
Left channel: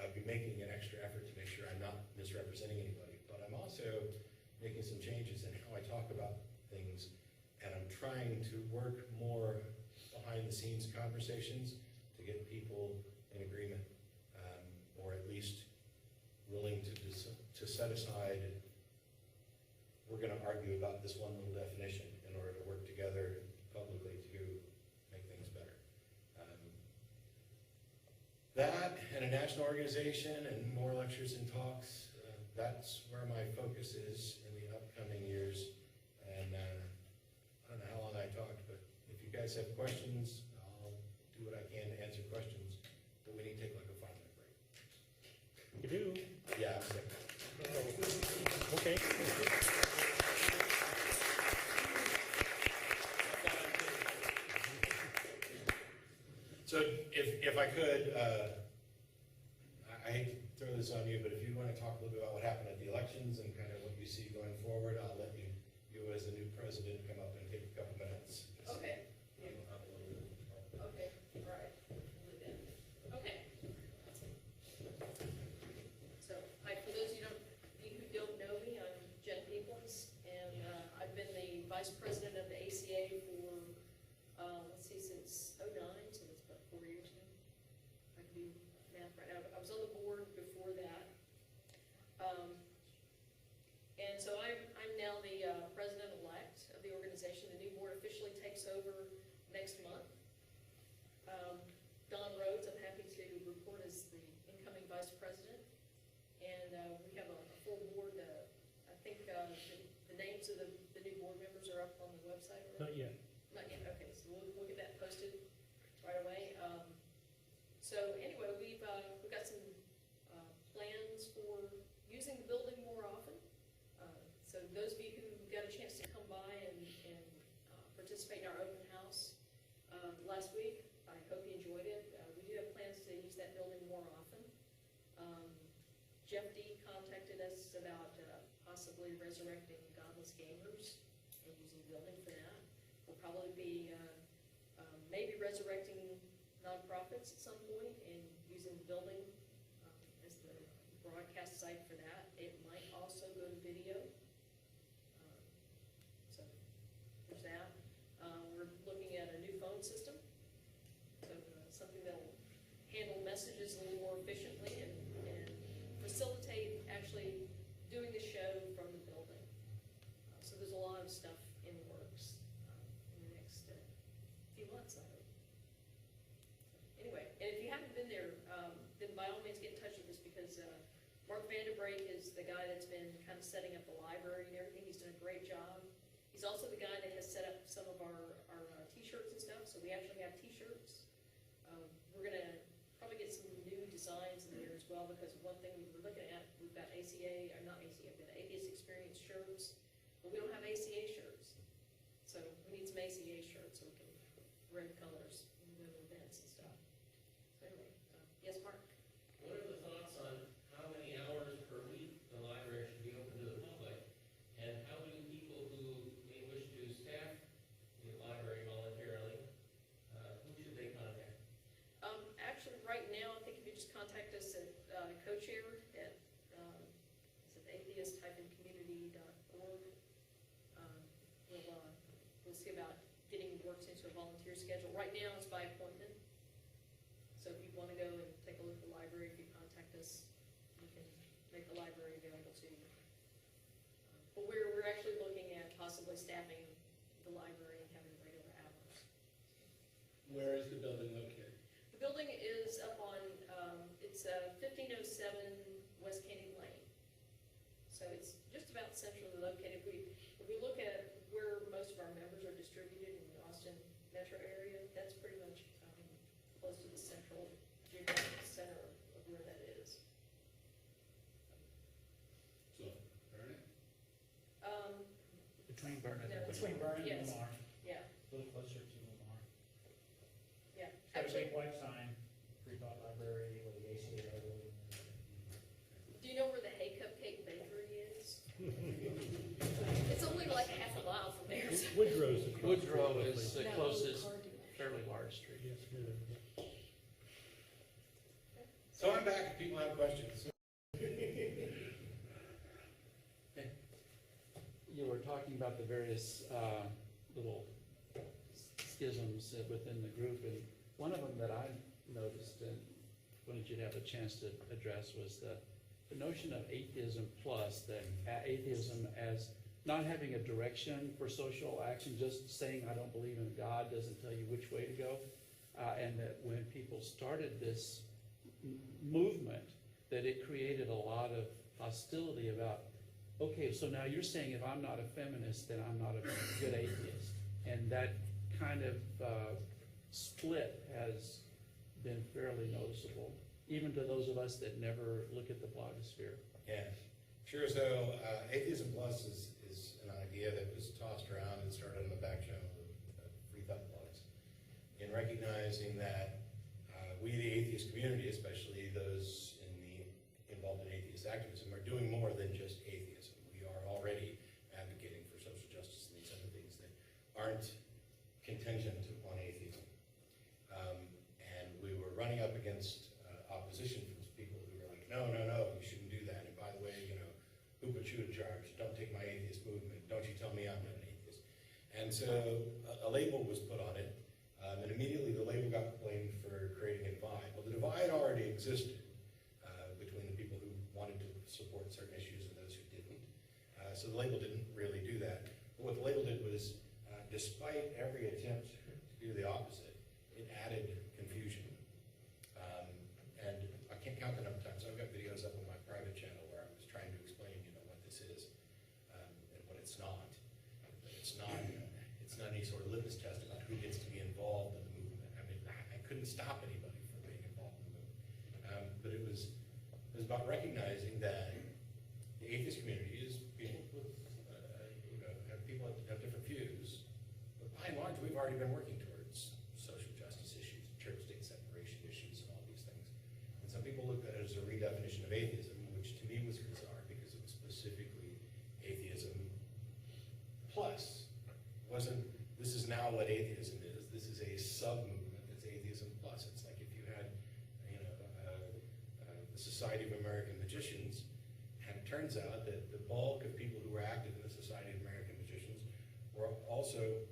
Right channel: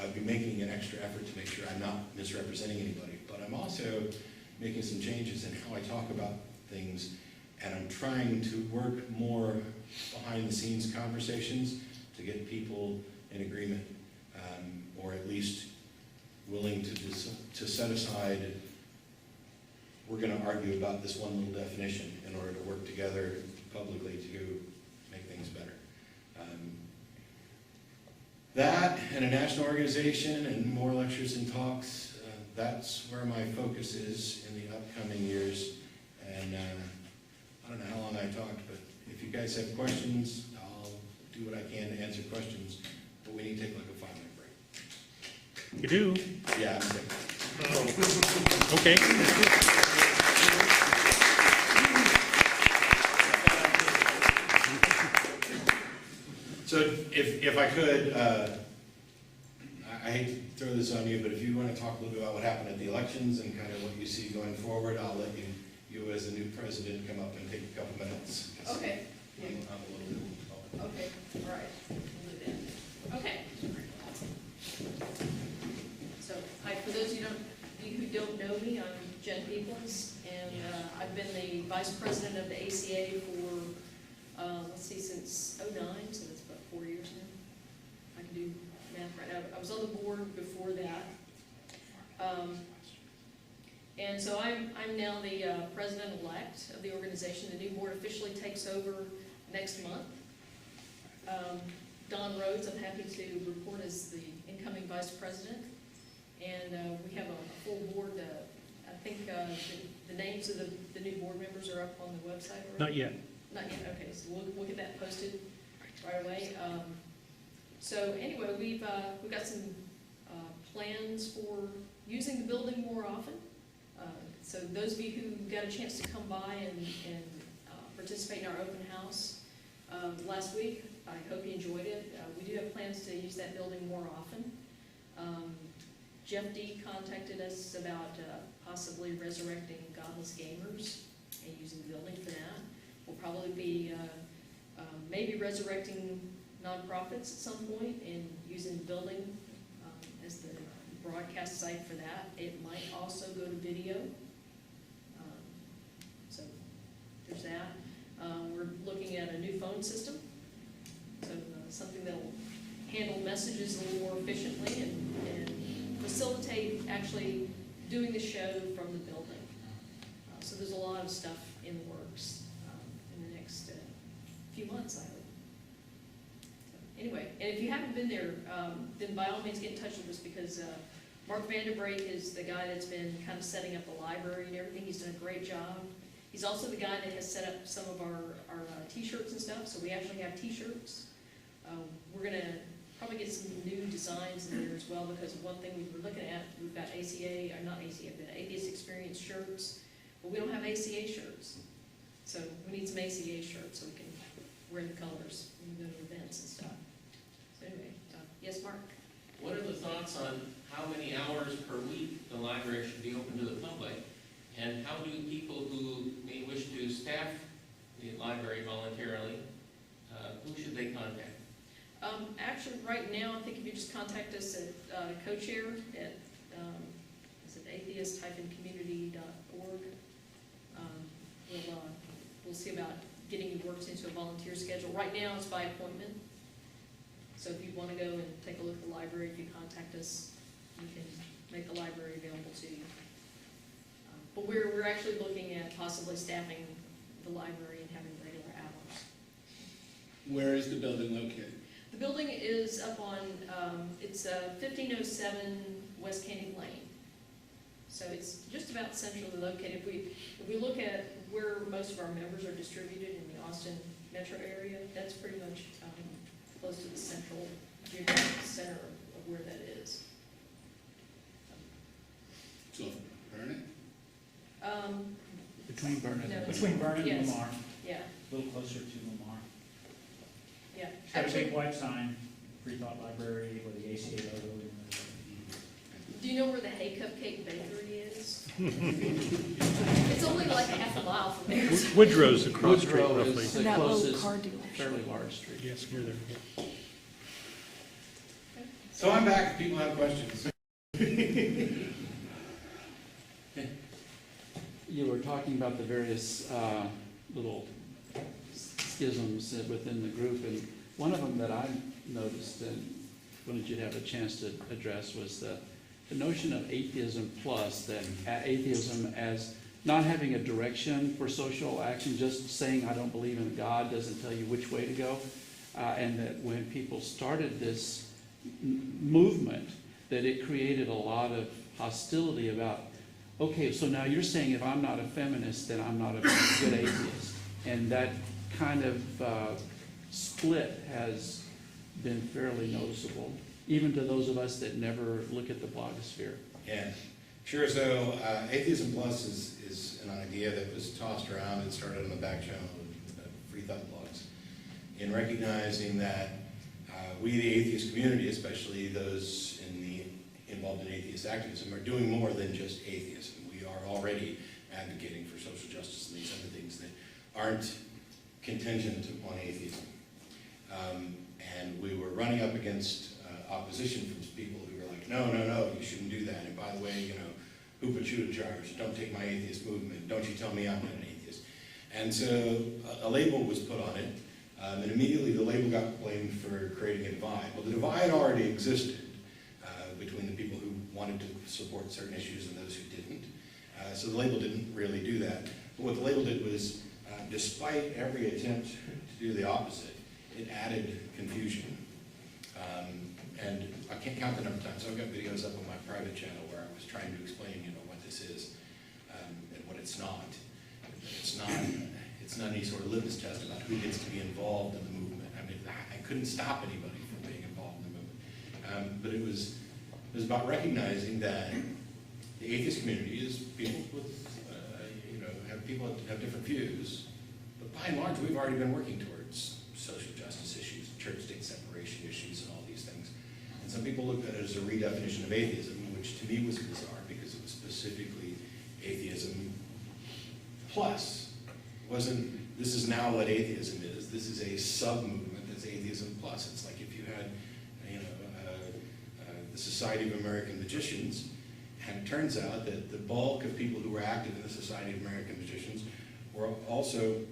I'll be making an extra effort to make sure I'm not misrepresenting anybody, but I'm also making some changes in how I talk about things, and I'm trying to work more behind the scenes conversations to get people in agreement, or at least willing to set aside, we're going to argue about this one little definition in order to work together publicly to make things better. That and a national organization and more lectures and talks, that's where my focus is in the upcoming years. And I don't know how long I talked, but if you guys have questions, I'll do what I can to answer questions. But we need to take like a 5-minute break. You do? Yeah, I'm sick. Oh. Okay. So if I could, I hate to throw this on you, but if you want to talk a little bit about what happened at the elections and kind of what you see going forward, I'll let you as the new president come up and take a couple minutes. Okay. I'm a little bit. Okay, all right. We'll do that. Okay. So, hi, for those of you who don't know me, I'm Jen Peoples, and I've been the vice president of the ACA for, since '09, so that's about 4 years now. I can do math right now. I was on the board before that. And so I'm now the president-elect of the organization. The new board officially takes over next month. Don Rhodes, I'm happy to report, as the incoming vice president. And we have a full board. I think the names of the new board members are up on the website already? Not yet. Not yet, okay, so we'll get that posted right away. So anyway, we've got some plans for using the building more often. So those of you who got a chance to come by and participate in our open house last week, I hope you enjoyed it. We do have plans to use that building more often. Jeff D. contacted us about possibly resurrecting godless gamers and using the building for that. We'll probably be maybe resurrecting nonprofits at some point and using the building as the broadcast site for that. It might also go to video. So there's that. We're looking at a new phone system, so something that will handle messages a little more efficiently. actually doing the show from the building. So there's a lot of stuff in the works in the next few months, I hope. So, anyway, and if you haven't been there, then by all means get in touch with us, because Mark Vanderbrake is the guy that's been kind of setting up the library and everything. He's done a great job. He's also the guy that has set up some of our t-shirts and stuff, so we actually have t-shirts. We're going to probably get some new designs in there as well, because one thing we were looking at, we've got ACA, or not ACA, but Atheist Experience shirts, but we don't have ACA shirts. So we need some ACA shirts so we can wear the colors when we go to events and stuff. So anyway, yes, Mark? What are the thoughts on how many hours per week the library should be open to the public? And how do people who may wish to staff the library voluntarily, who should they contact? Actually, right now, I think if you just contact us at co-chair at is it atheist-community.org, we'll see about getting you worked into a volunteer schedule. Right now, it's by appointment. So if you want to go and take a look at the library, if you contact us, we can make the library available to you. But we're actually looking at possibly staffing the library and having regular hours. Where is the building located? The building is up on, it's 1507 West Canning Lane. So it's just about centrally located. If we look at where most of our members are distributed in the Austin metro area, that's pretty much close to the central geographic center of where that is. So, Vernon? Between Vernon, No. Between Vernon and Yes. Lamar, Yeah, a little closer to Lamar. yeah. It's got a Actually, big white sign, Free Thought Library with the ACA logo. do you know where the Hay Cupcake Bakery is? It's only like half a mile from there. Woodrow's across the street Woodrow roughly. is the That little closest car dealership. fairly large street. Yes, near there. So I'm back if people have questions. You were talking about the various little schisms within the group, and one of them that I noticed and wanted you to have a chance to address was the notion of atheism plus, that atheism as not having a direction for social action, just saying I don't believe in God doesn't tell you which way to go, and that when people started this movement, that it created a lot of hostility about, okay, so now you're saying if I'm not a feminist, then I'm not a good atheist. And that kind of split has been fairly noticeable, even to those of us that never look at the blogosphere. Yeah, sure. So Atheism Plus is an idea that was tossed around and started on the back channel of Free Thought blogs, in recognizing that we, the atheist community, especially those involved in atheist activism, are doing more than just atheism. We are already advocating for social justice and these other things that aren't contingent upon atheism. And we were running up against opposition from people who were like, no, you shouldn't do that. And by the way, who put you in charge? Don't take my atheist movement. Don't you tell me I'm not an atheist. And so a label was put on it, and immediately the label got blamed for creating a divide. Well, the divide already existed between the people who wanted to support certain issues and those who didn't. So the label didn't really do that. But what the label did was, despite every attempt to do the opposite, it added confusion. And I can't count the number of times. So I've got videos up on my private channel where I was trying to explain, what this is and what it's not. It's not any sort of litmus test about who gets to be involved in the movement. I mean, I couldn't stop anybody from being involved in the movement. But it was about recognizing that the atheist community is people with, have different views. But by and large, we've already been working towards social justice issues, church-state separation issues, and all these things. And some people looked at it as a redefinition of atheism, which to me was bizarre because it was specifically atheism plus. This is now what atheism is. This is a sub-movement that's atheism plus. It's like if you had, the Society of American Magicians, and it turns out that the bulk of people who were active in the Society of American Magicians were also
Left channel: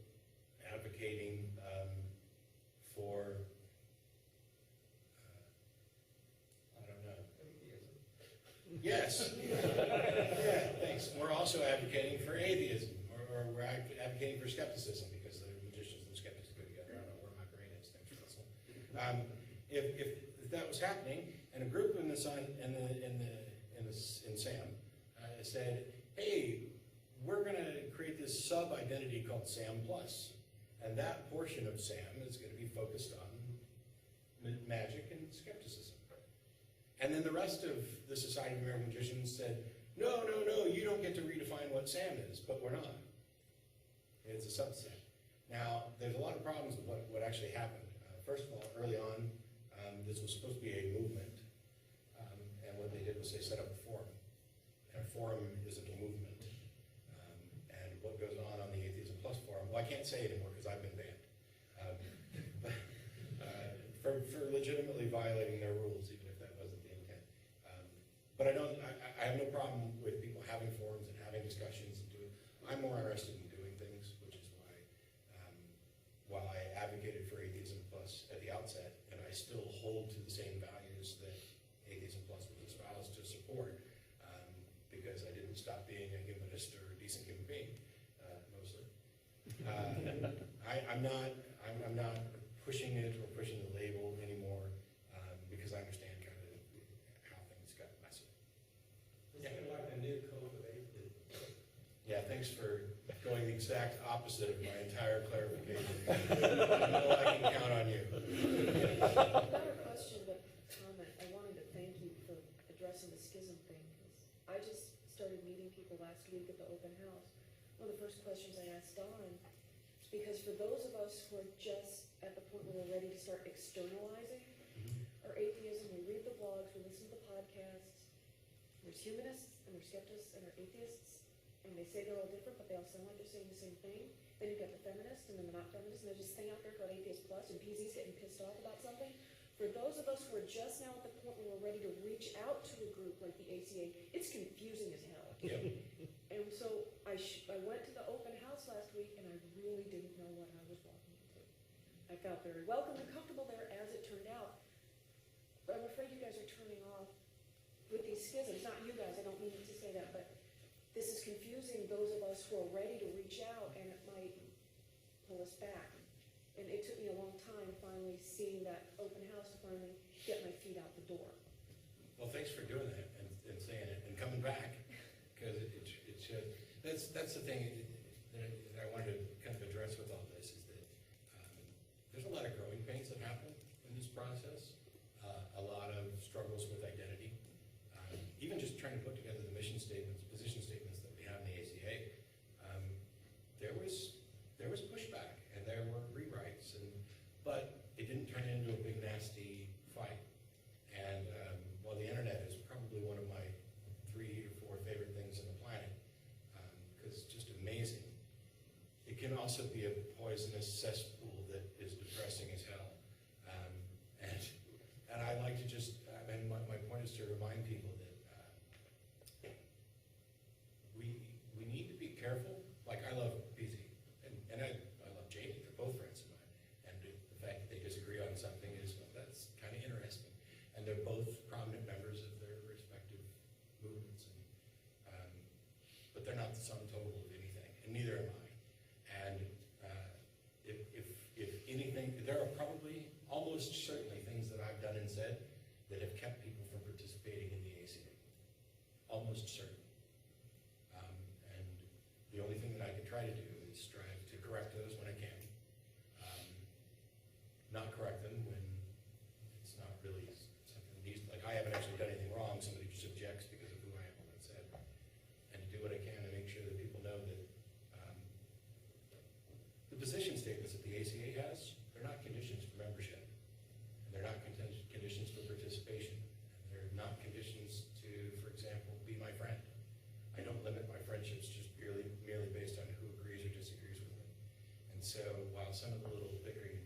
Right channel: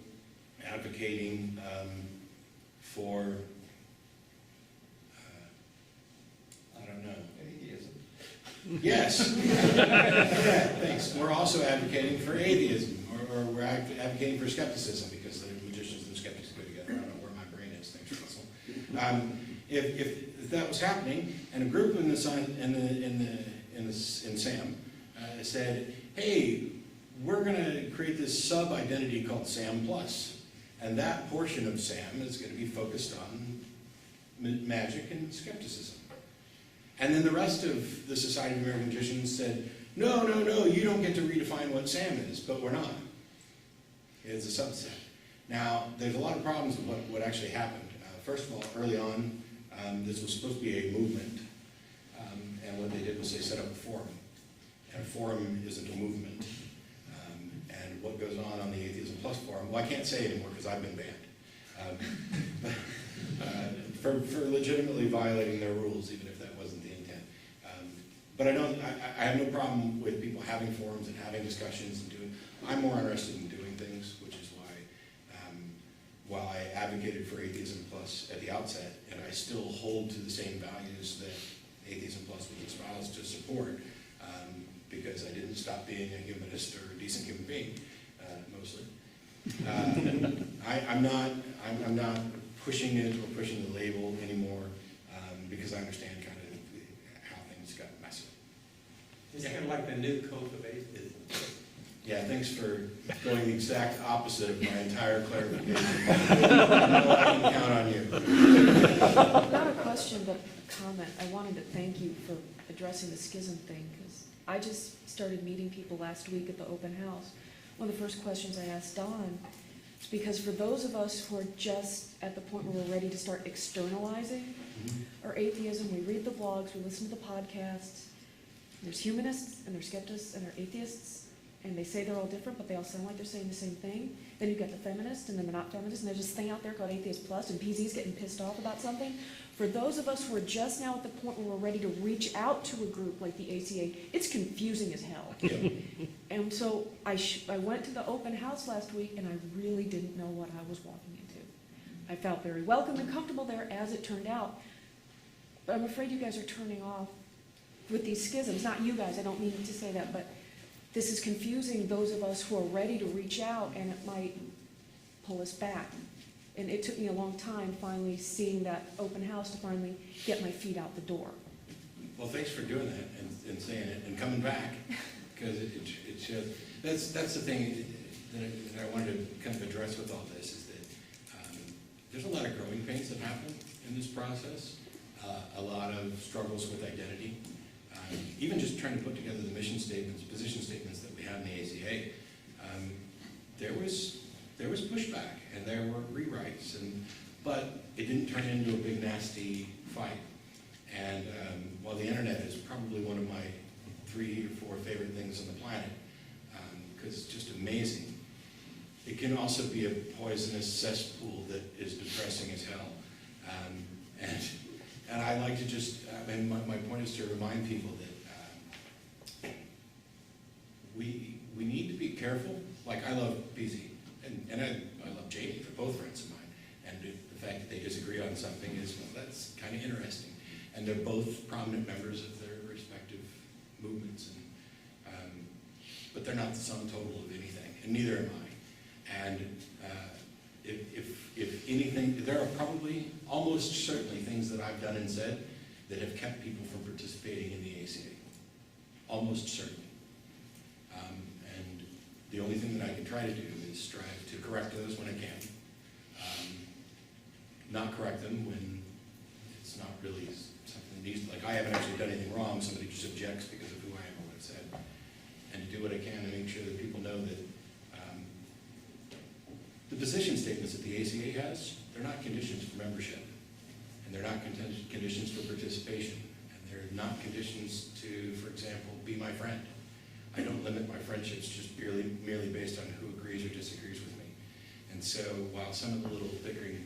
advocating for, Yes. Yeah, thanks. We're also advocating for atheism, or we're advocating for skepticism, because the magicians and skeptics go together. I don't know where my brain is. Thanks, Russell. If that was happening, and a group in SAM said, "Hey, we're going to create this sub-identity called SAM Plus, and that portion of SAM is going to be focused on magic and skepticism." And then the rest of the Society of American Magicians said, no, you don't get to redefine what SAM is, but we're not. It's a subset. Now, there's a lot of problems with what actually happened. First of all, early on, this was supposed to be a movement, and what they did was they set up a forum. And a forum isn't a movement. And what goes on the Atheism Plus forum, well, I can't say anymore because I've been banned. For legitimately violating their rules, even if that wasn't the intent. But I have no problem with people having forums and having discussions and doing. I'm more interested in doing things, which is why, while I advocated for Atheism Plus at the outset, and I still hold to the same values that Atheism Plus was espoused to support, because I didn't stop being a humanist or a decent human being, mostly. I'm not pushing it or pushing the label anymore, because I understand kind of how things got messy. It's kind of like the new code of atheism. Yeah, thanks for going the exact opposite of my entire clarification. I can count on you. Not a question, but a comment. I wanted to thank you for addressing the schism thing, because I just started meeting people last week at the open house. One of the first questions I asked Don, because for those of us who are just at the point where we're ready to start externalizing our atheism, we read the blogs, we listen to the podcasts, there's humanists, and there's skeptics, and there are atheists, and they say they're all different, but they all sound like they're saying the same thing. Then you've got the feminists, and then they're not feminists, and there's this thing out there called Atheist Plus, and PZ's getting pissed off about something. For those of us who are just now at the point where we're ready to reach out to a group like the ACA, it's confusing as hell. Yeah. And so I went to the open house last week, and I really didn't know what I was walking into. I felt very welcome and comfortable there, as it turned out. But I'm afraid you guys are turning off with these schisms. Not you guys, I don't mean to say that, but this is confusing those of us who are ready to reach out, and it might pull us back. And it took me a long time finally seeing that open house to finally get my feet out the door. Well, thanks for doing that and saying it and coming back, because it should. That's the thing that I wanted to kind of address with all this, is that there's a lot of growing pains that happen in this process, a lot of struggles with identity, even just trying to put together the mission statements, position statements that we have in the ACA. There was pushback and there were rewrites, but it didn't turn into a big nasty fight. And while the internet is probably one of my 3 or 4 favorite things on the planet, because it's just amazing, it can also be a poisonous cesspool that is depressing as hell. And I like to just, my point is to remind people that we need to be careful. Like, I love PZ, and I love Jamie, they're both friends of mine. And the fact that they disagree on something is, well, that's kind of interesting. And they're both prominent members of their respective movements. But they're not the sum total of anything, and neither am I. And if anything, there are probably, almost certainly, things that I've done and said that have kept people from participating in the ACA. Almost certainly. And the only thing that I can try to do is strive to correct those when I can. Not correct them when it's not really something that needs, like I haven't actually done anything wrong, somebody just objects because of who I am or what I said. And to do what I can to make sure that people know that the position statements that the ACA has, they're not conditions for membership. And they're not conditions for participation. And they're not conditions to, for example, be my friend. I don't limit my friendships just merely based on who agrees or disagrees with me. And so while some of the little bickering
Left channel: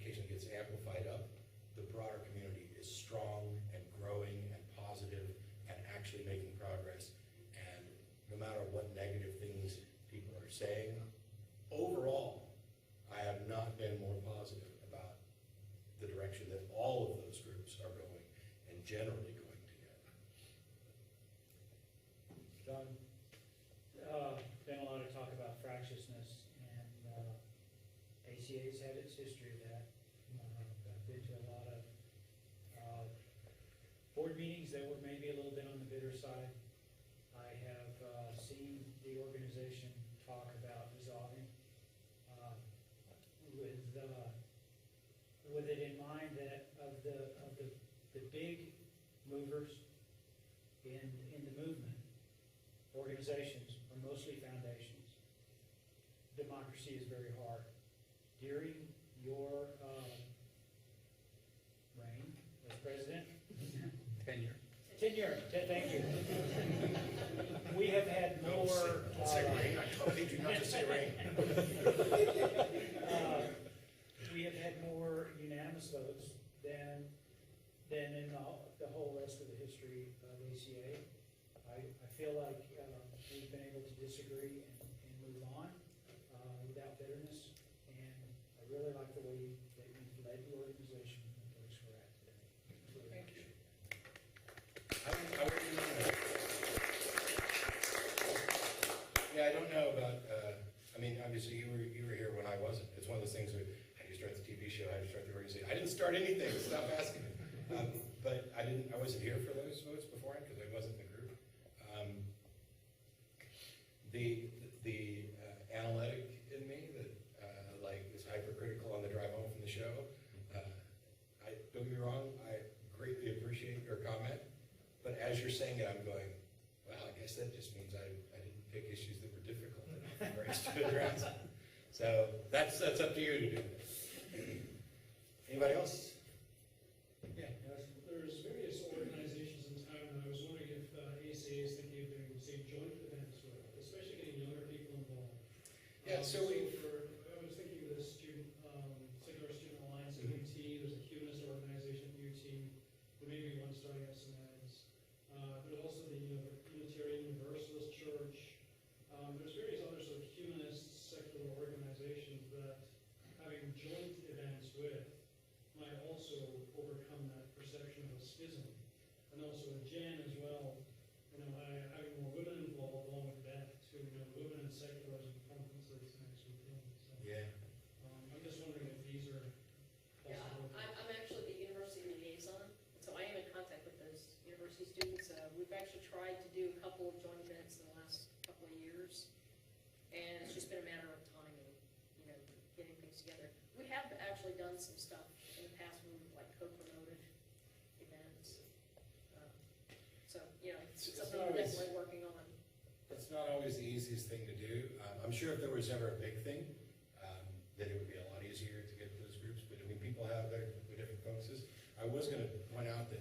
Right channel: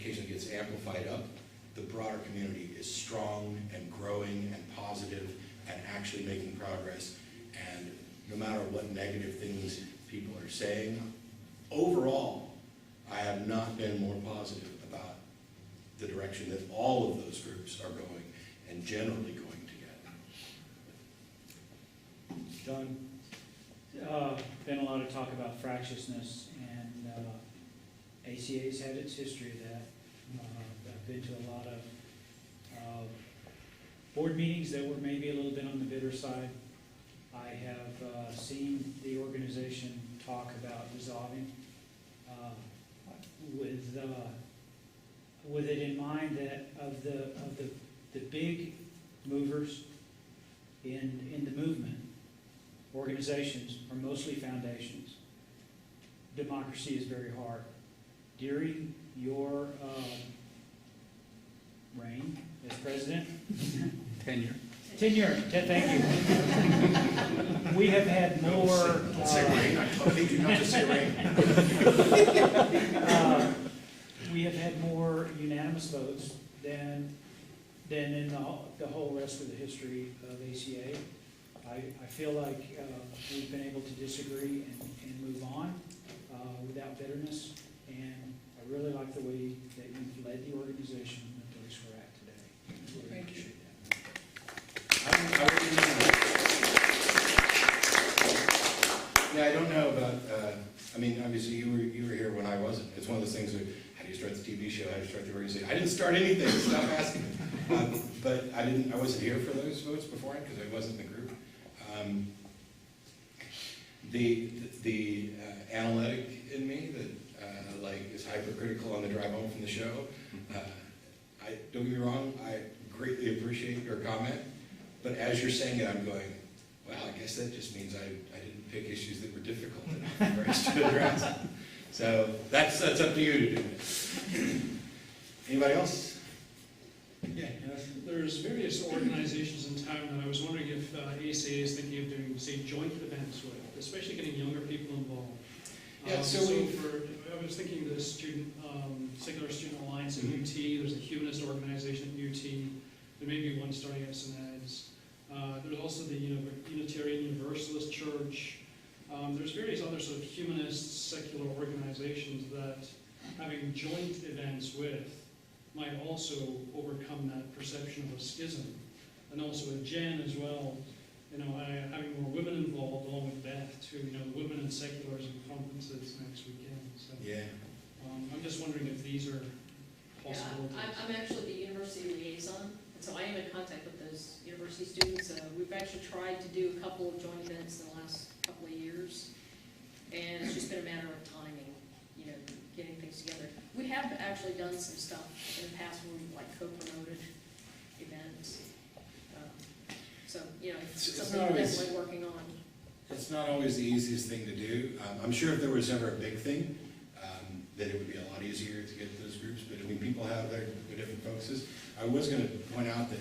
occasionally gets amplified up, the broader community is strong and growing and positive and actually making progress. And no matter what negative things people are saying, overall, I have not been more positive about the direction that all of those groups are going and generally going together. John, been a lot of talk about fractiousness, and ACA's had its history of that. I've been to a lot of board meetings that were maybe a little bit on the bitter side. I have seen the organization talk about dissolving with it in mind that of the big movers in the movement, organizations are mostly foundations. Democracy is very hard. During your reign as president, Tenure. thank you. We have had more. Don't say rain, I told you not to say rain. We have had more unanimous votes than in the whole rest of the history of ACA. I feel like we've been able to disagree and move on without bitterness, and I really like the way that you've led the organization in the place we're at today. Really Thank you. appreciate that. Yeah, I don't know about, I mean, obviously you were here when I wasn't. It's one of those things where, how do you start the TV show, how do you start the organization? I didn't start anything, stop asking me. But I wasn't here for those votes beforehand because I wasn't in the group. The analytic in me that like is hypercritical on the drive home from the show, don't get me wrong, I greatly appreciate your comment, but as you're saying it, I'm going, wow, I guess that just means I didn't pick issues that were difficult enough for us to address. So that's up to you to do. Anybody else? Yeah, there's various organizations in town, and I was wondering if ACA is thinking of doing, say, joint events with, especially getting younger people involved. Yeah, I was thinking the Secular Student Alliance at UT, there's a humanist organization at UT, there may be one starting at St. Ed's. There's also the Unitarian Universalist Church. There's various other sort of humanist, secular organizations that having joint events with might also overcome that perception of a schism. And also with Jen as well, having more women involved along with Beth too, women in secularism conferences next weekend. So, Yeah. I'm just wondering if these are possibilities. Yeah, I'm actually the university liaison, and so I am in contact with those university students. We've actually tried to do a couple of joint events in the last couple of years, and it's just been a matter of timing, getting things together. We have actually done some stuff in the past where we've co-promoted events. It's Something not we're always- definitely working on. It's not always the easiest thing to do. I'm sure if there was ever a big thing, that it would be a lot easier to get those groups, but I mean, people have their different focuses. I was going to point out that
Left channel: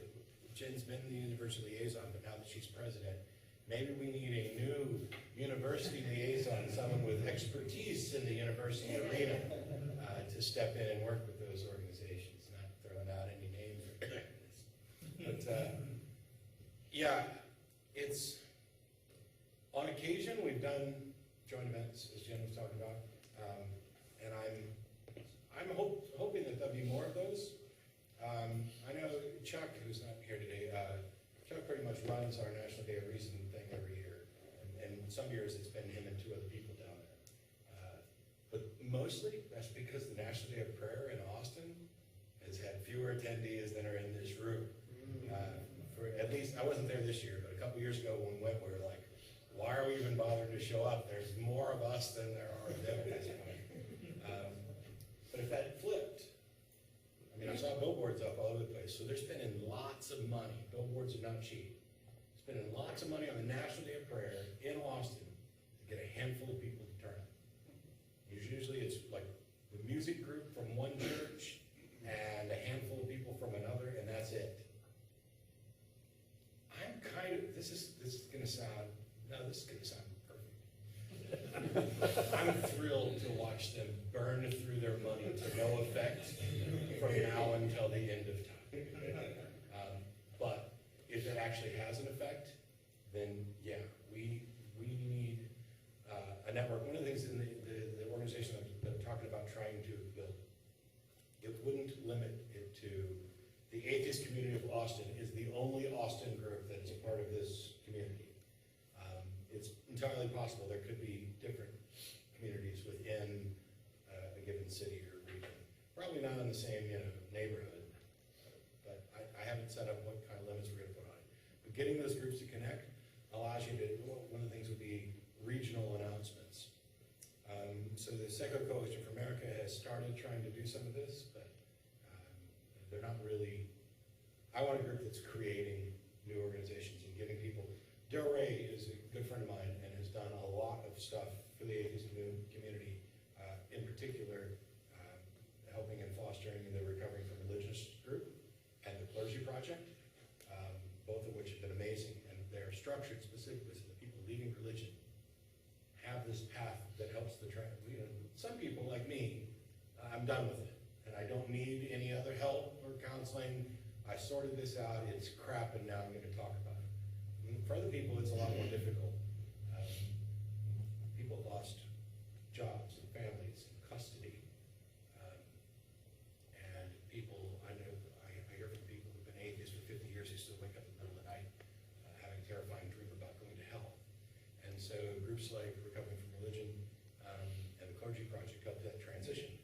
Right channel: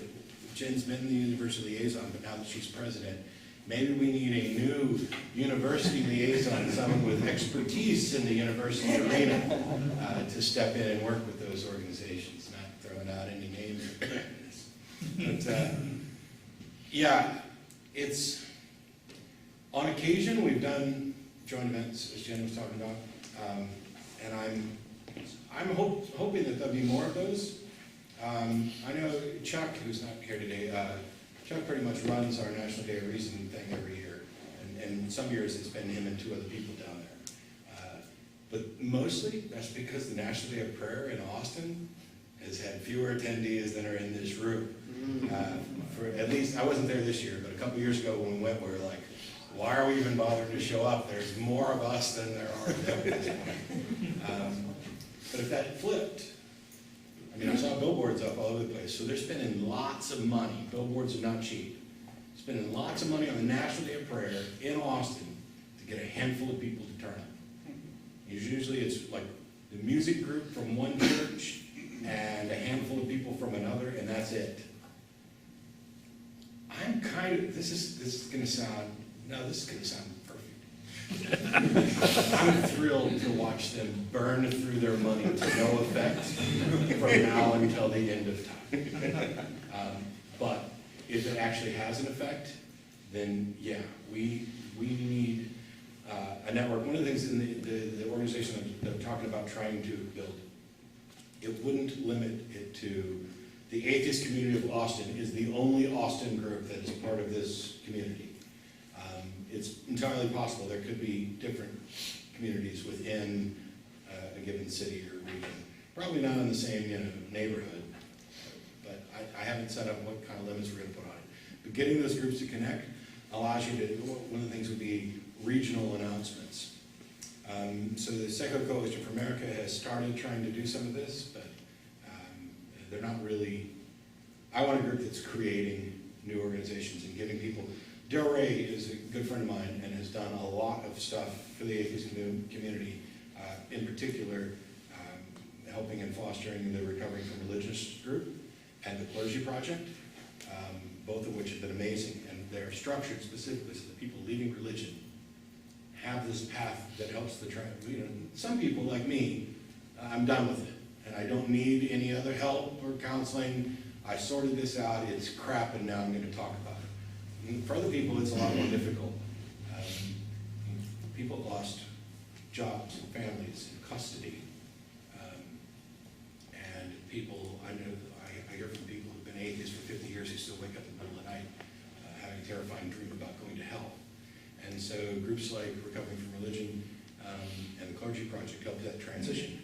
Jen's been the university liaison, but now that she's president, maybe we need a new university liaison, someone with expertise in the university arena, to step in and work with those organizations, not throwing out any names. But yeah, it's, on occasion, we've done joint events, as Jen was talking about, and I'm hoping that there'll be more of those. I know Chuck, who's not here today, Chuck pretty much runs our National Day of Reason thing every year, and some years it's been him and two other people down there. But mostly, that's because the National Day of Prayer in Austin has had fewer attendees than are in this room. For at least, I wasn't there this year, but a couple years ago when we went, we were like, why are we even bothering to show up? There's more of us than there are of them at this point. But if that flipped, I mean, I saw billboards up all over the place, so they're spending lots of money. Billboards are not cheap. Spending lots of money on the National Day of Prayer in Austin to get a handful of people to turn up. Usually it's like the music group from one church and a handful of people from another, and that's it. I'm kind of, this is going to sound perfect. I'm thrilled to watch them burn through their money to no effect from now until the end of time. But if it actually has an effect, then yeah, we need a network. One of the things in the organization that I'm talking about trying to build, it wouldn't limit it to the Atheist Community of Austin is the only Austin group that is part of this community. it's entirely possible there could be different communities within a given city or region. Probably not in the same, neighborhood, but I haven't set up what kind of limits we're gonna put on it. But getting those groups to connect allows you to, one of the things would be regional announcements. So the Secular Coalition for America has started trying to do some of this, but they're not really, I want a group that's creating new organizations and giving people. Del Rey is a good friend of mine and has done a lot of stuff for the atheist community, in particular, helping and fostering the Recovering from Religious group and the Clergy Project, both of which have been amazing. And they're structured specifically so that people leaving religion have this path that helps the some people like me, I'm done with it. And I don't need any other help or counseling. I sorted this out, it's crap, and now I'm going to talk about it. And for other people, it's a lot more difficult. People lost jobs and families and custody. And people, I hear from people who've been atheists for 50 years who still wake up in the middle of the night having a terrifying dream about going to hell. And so groups like Recovering from Religion and the Clergy Project help that transition.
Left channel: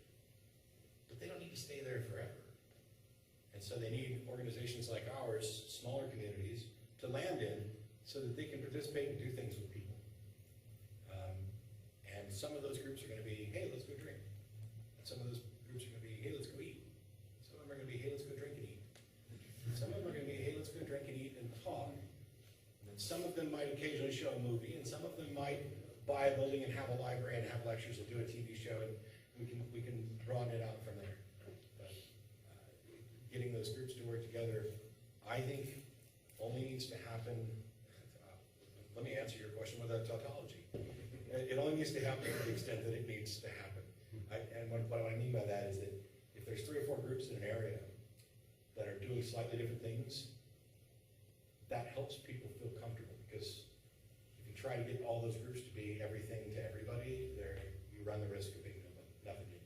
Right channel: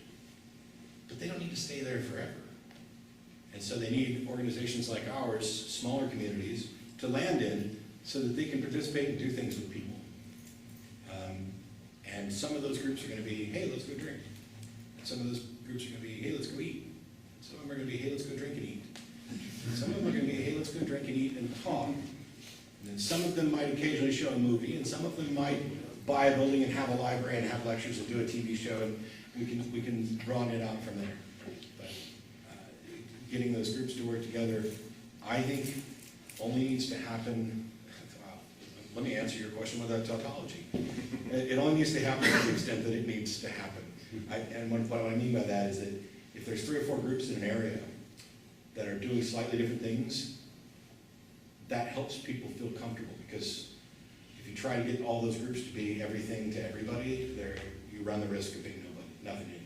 But they don't need to stay there forever. And so they need organizations like ours, smaller communities, to land in so that they can participate and do things with people. And some of those groups are going to be, hey, let's go drink. And some of those groups are going to be, hey, let's go eat. Some of them are going to be, hey, let's go drink and eat. And some of them are going to be, hey, let's go drink and eat and talk. And then some of them might occasionally show a movie, and some of them might buy a building and have a library and have lectures and do a TV show, and we can broaden it out from there. But getting those groups to work together, I think, only needs to happen. Let me answer your question without tautology. It only needs to happen to the extent that it needs to happen. And what I mean by that is that if there's 3 or 4 groups in an area that are doing slightly different things, that helps people feel comfortable, because if you try to get all those groups to be everything to everybody, you run the risk of being nothing to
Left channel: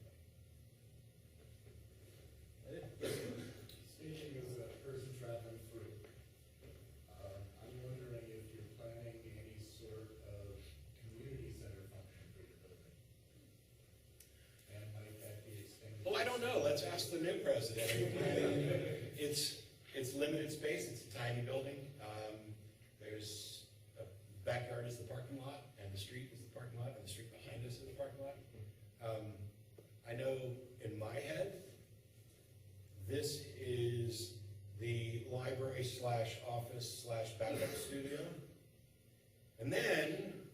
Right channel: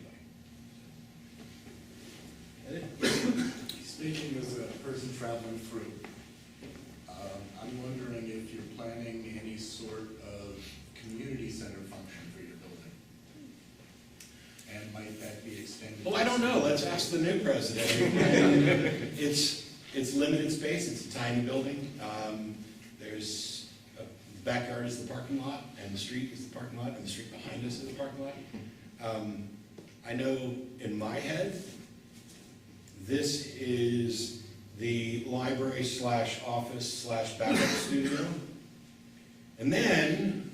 anybody. Speaking as a person traveling through, I'm wondering if you're planning any sort of community center function for your building. And might that be extended? Well, I don't know. Let's ask the new president. It's limited space. It's a tiny building. There's the backyard is the parking lot, and the street is the parking lot, and the street behind us is the parking lot. I know in my head, this is the library / office / backup studio. And then,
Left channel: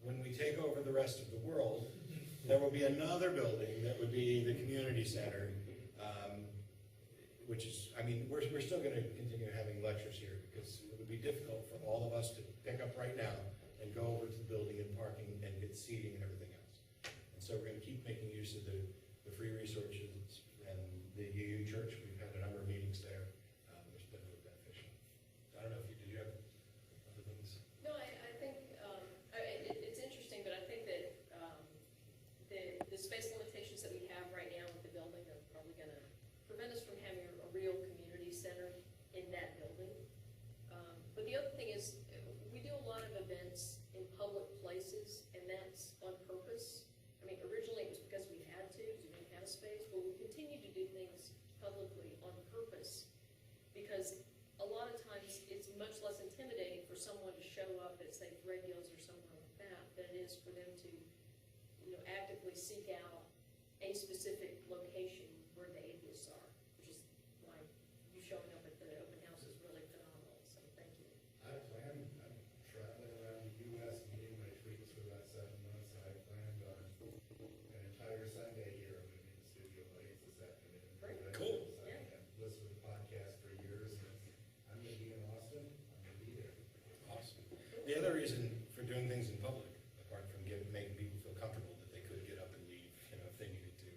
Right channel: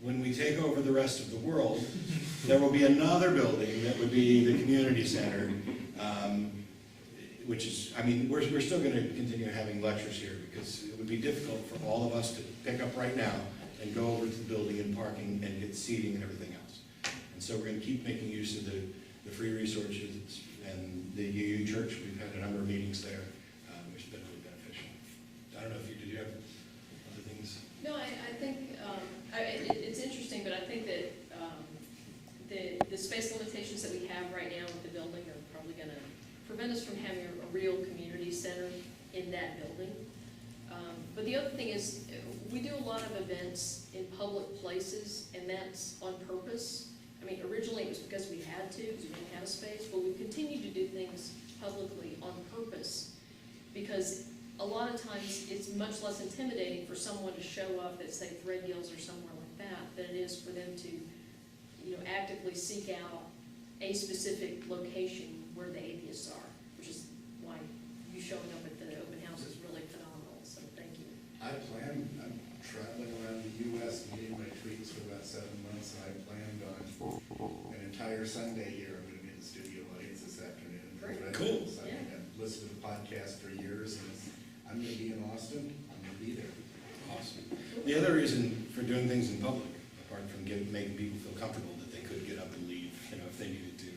when we take over the rest of the world, there will be another building that would be the community center, which is, we're still going to continue having lectures here, because it would be difficult for all of us to pick up right now and go over to the building and parking and get seating and everything else. And so we're going to keep making use of the free resources and the UU Church. We've had a number of meetings there, which has been really beneficial. I don't know if did you have other things? No, I think, it's interesting, but I think that the space limitations that we have right now with the building are probably going to prevent us from having a real community center in that building. But the other thing is, we do a lot of events in public places, and that's on purpose. Originally it was because we had to, because we didn't have a space, but we continue to do things publicly on purpose, because a lot of times it's much less intimidating for someone to show up at, say, Thread Gills or somewhere like that, than it is for them to, actively seek out a specific location where the atheists are, which is why you showing up at the open house is really phenomenal, so thank you. I'm traveling around the U.S. and getting my treats for about 7 months, and I planned on an entire Sunday here. I'm going to be in the studio audience this afternoon. Great. Cool. I've listened to the podcast for years, and I'm going to be in Austin. I'm going to be there. Awesome. The other reason for doing things in public, apart from making people feel comfortable that they could get up and leave, if they needed to,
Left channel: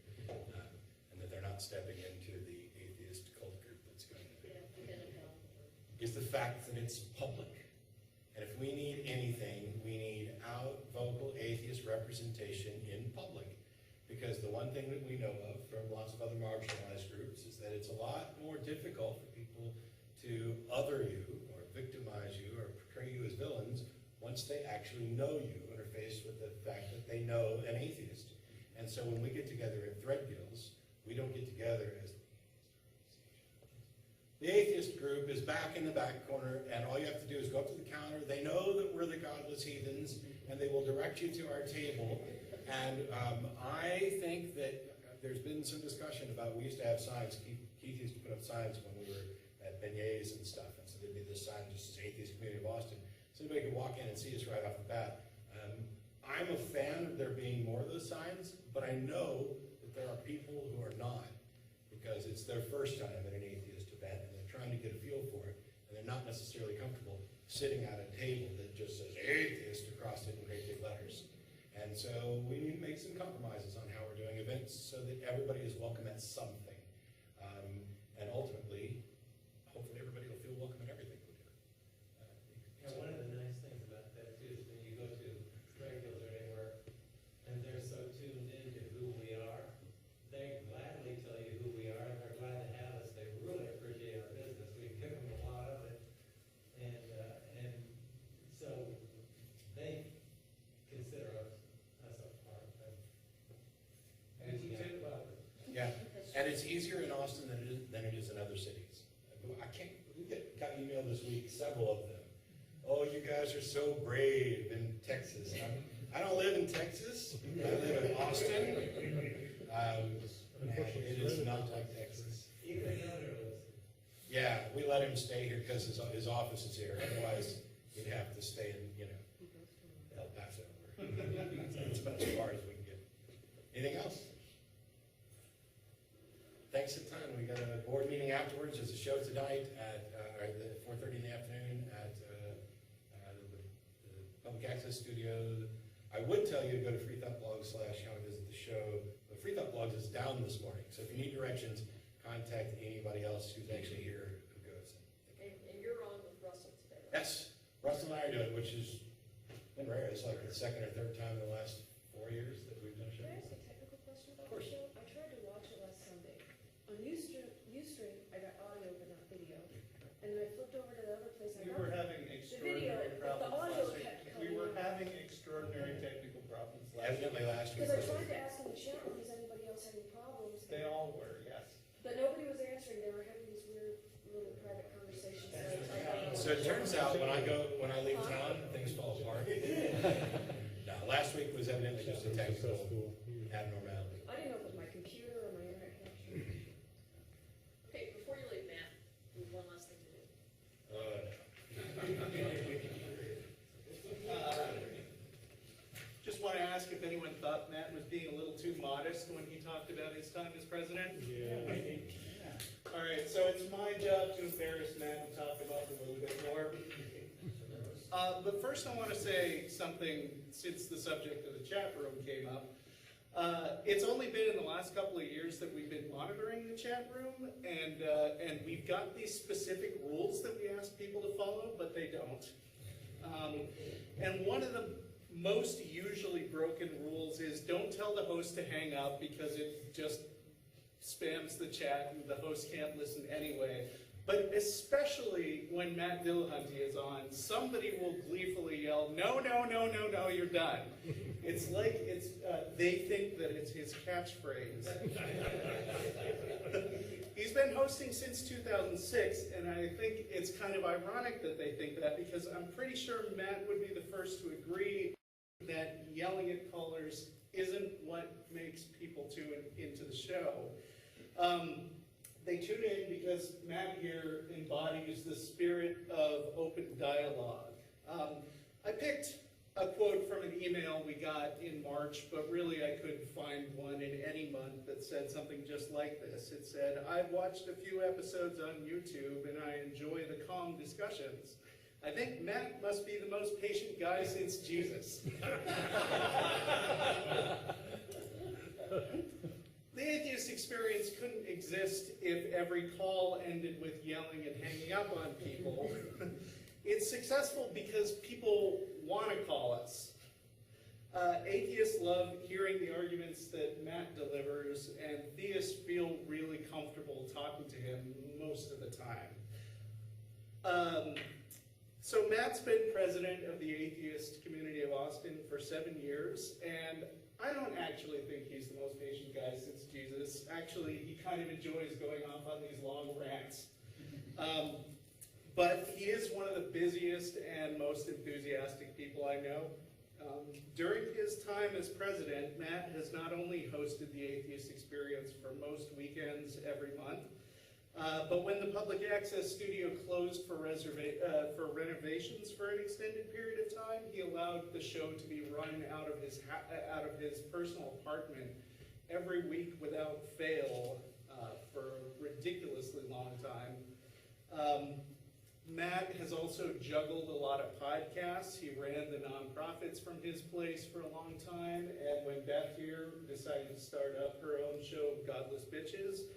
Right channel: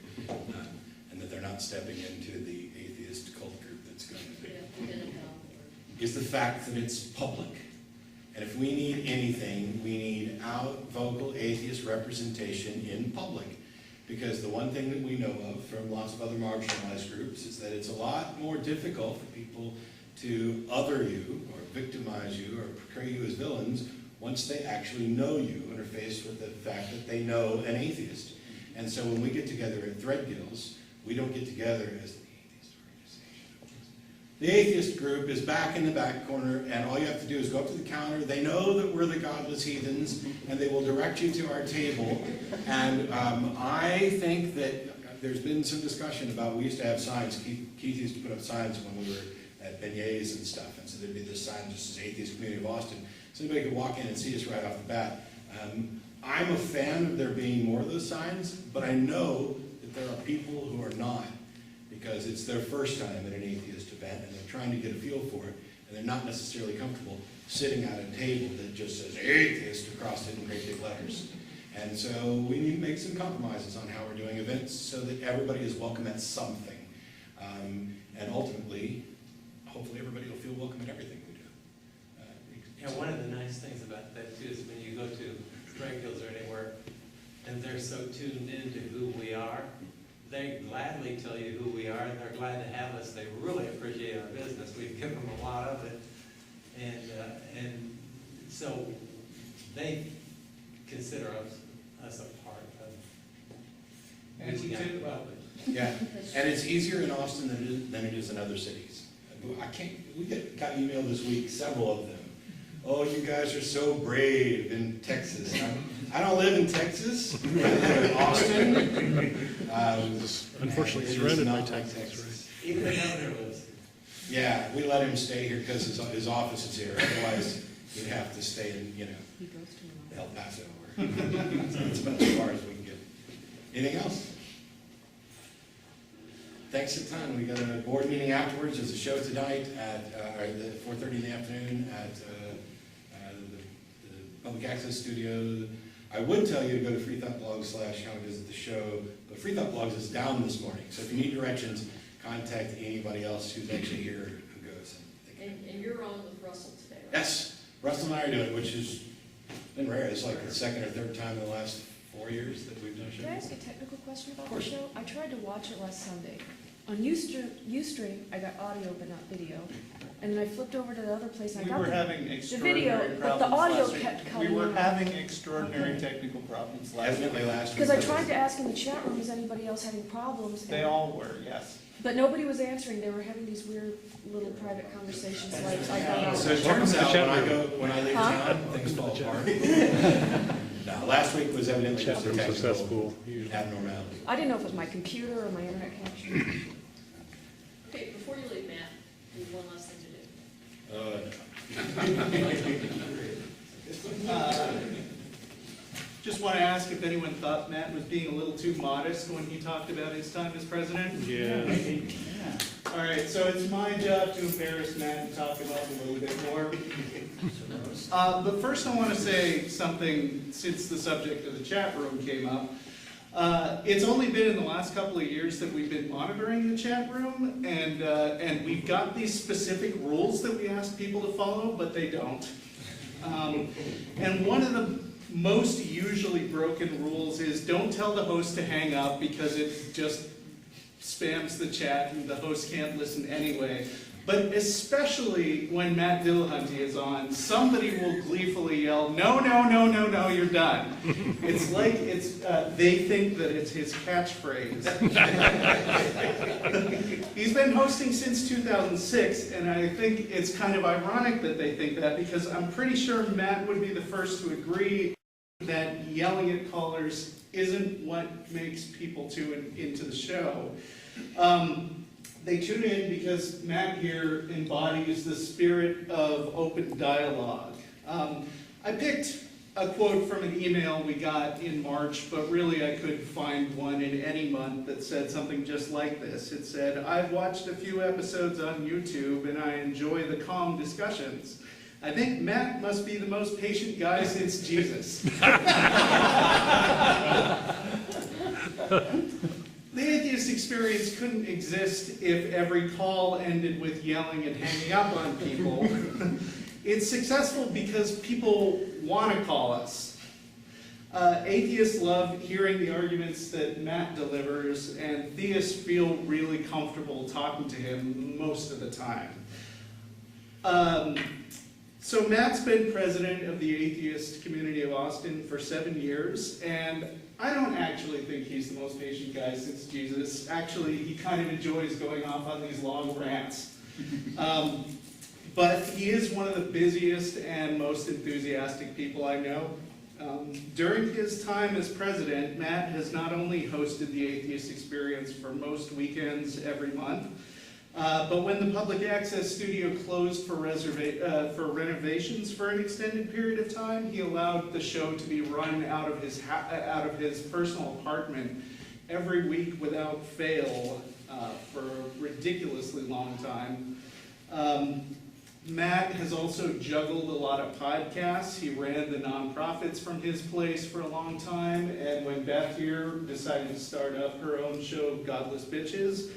and that they're not stepping into the atheist cult group that's going to is the fact that it's public. And if we need anything, we need out vocal atheist representation in public. Because the one thing that we know of from lots of other marginalized groups is that it's a lot more difficult for people to other you, or victimize you, or portray you as villains once they actually know you and are faced with the fact that they know an atheist. And so when we get together at Threadgills, we don't get together as the atheist organization. The atheist group is back in the back corner, and all you have to do is go up to the counter. They know that we're the godless heathens, and they will direct you to our table. And I think that there's been some discussion about, we used to have signs, Keith used to put up signs when we were at beignets and stuff, and so there'd be this sign just as Atheist Community of Austin, so anybody could walk in and see us right off the bat. I'm a fan of there being more of those signs, but I know that there are people who are not, because it's their first time at an atheist event, and they're trying to get a feel for it, and they're not necessarily comfortable sitting at a table that just says atheist across it in great big letters. And so we need to make some compromises on how we're doing events so that everybody is welcome at something. And ultimately, hopefully everybody will feel welcome at everything we do. Yeah, one of the nice things about that too is when you go to Threadgills or anywhere, and they're so tuned into who we are, they gladly tell you who we are, and they're glad to have us. They really appreciate our business. We've given them a lot of it, and so they consider us a part of reaching out to the public. Yeah, and it's easier in Austin than it is in other cities. We got email this week, several of them. Oh, you guys are so brave in Texas. I don't live in Texas. I live in Austin. Unfortunately, surrounded by Texas. Even the governor lives here. Yeah, we let him stay here because his office is here. Otherwise, he'd have to stay in, He goes to El Paso. So that's about as far as we can get. Anything else? Thanks a ton. We got a board meeting afterwards. There's a show tonight at 4:30 in the afternoon at the Public Access Studio. I would tell you to go to freethoughtblog/how to visit the show, but Free Thought Blogs is down this morning. So if you need directions, contact anybody else who's actually here who goes. And you're on with Russell today, right? Yes, Russell and I are doing it, which has been rare. It's like the second or third time in the last 4 years that we've done a show. Can I ask a technical question about Of the course. show? I tried to watch it last Sunday. On Ustream, I got audio but not video. And then I flipped over to the other place and I We got were the having video, extraordinary but the problems audio last week. kept We cutting were out. having extraordinary technical problems last week. Evidently last week. Because I tried to ask in the chat room, is anybody else having problems? They all were, yes. But nobody was answering. They were having these weird little private conversations like I got So it turns out when I leave Huh? town, things fall apart. No, last week was evidently just a technical Successful. abnormality. I didn't know if it was my computer or my internet connection. Okay, before you leave, Matt, we have one last thing to do. Just want to ask if anyone thought Matt was being a little too modest when he talked about his time as president? Yeah. All right, so it's my job to embarrass Matt and talk about him a little bit more. But first I want to say something since the subject of the chat room came up. It's only been in the last couple of years that we've been monitoring the chat room, and we've got these specific rules that we ask people to follow, but they don't. And one of the most usually broken rules is don't tell the host to hang up because it just spams the chat and the host can't listen anyway. But especially when Matt Dillahunty is on, somebody will gleefully yell, no, no, no, no, no, you're done. It's like they think that it's his catchphrase. He's been hosting since 2006, and I think it's kind of ironic that they think that, because I'm pretty sure Matt would be the first to agree that yelling at callers isn't what makes people tune into the show. They tune in because Matt here embodies the spirit of open dialogue. I picked a quote from an email we got in March, but really I could find one in any month that said something just like this. It said, "I've watched a few episodes on YouTube and I enjoy the calm discussions. I think Matt must be the most patient guy since Jesus." The Atheist Experience couldn't exist if every call ended with yelling and hanging up on people. It's successful because people want to call us. Atheists love hearing the arguments that Matt delivers, and theists feel really comfortable talking to him most of the time. So Matt's been president of the Atheist Community of Austin for 7 years, and I don't actually think he's the most patient guy since Jesus. Actually, he kind of enjoys going off on these long rants. But he is one of the busiest and most enthusiastic people I know. During his time as president, Matt has not only hosted the Atheist Experience for most weekends every month, but when the public access studio closed for renovations for an extended period of time, he allowed the show to be run out of his personal apartment every week without fail for a ridiculously long time. Matt has also juggled a lot of podcasts. He ran the nonprofits from his place for a long time, and when Beth here decided to start up her own show, Godless Bitches,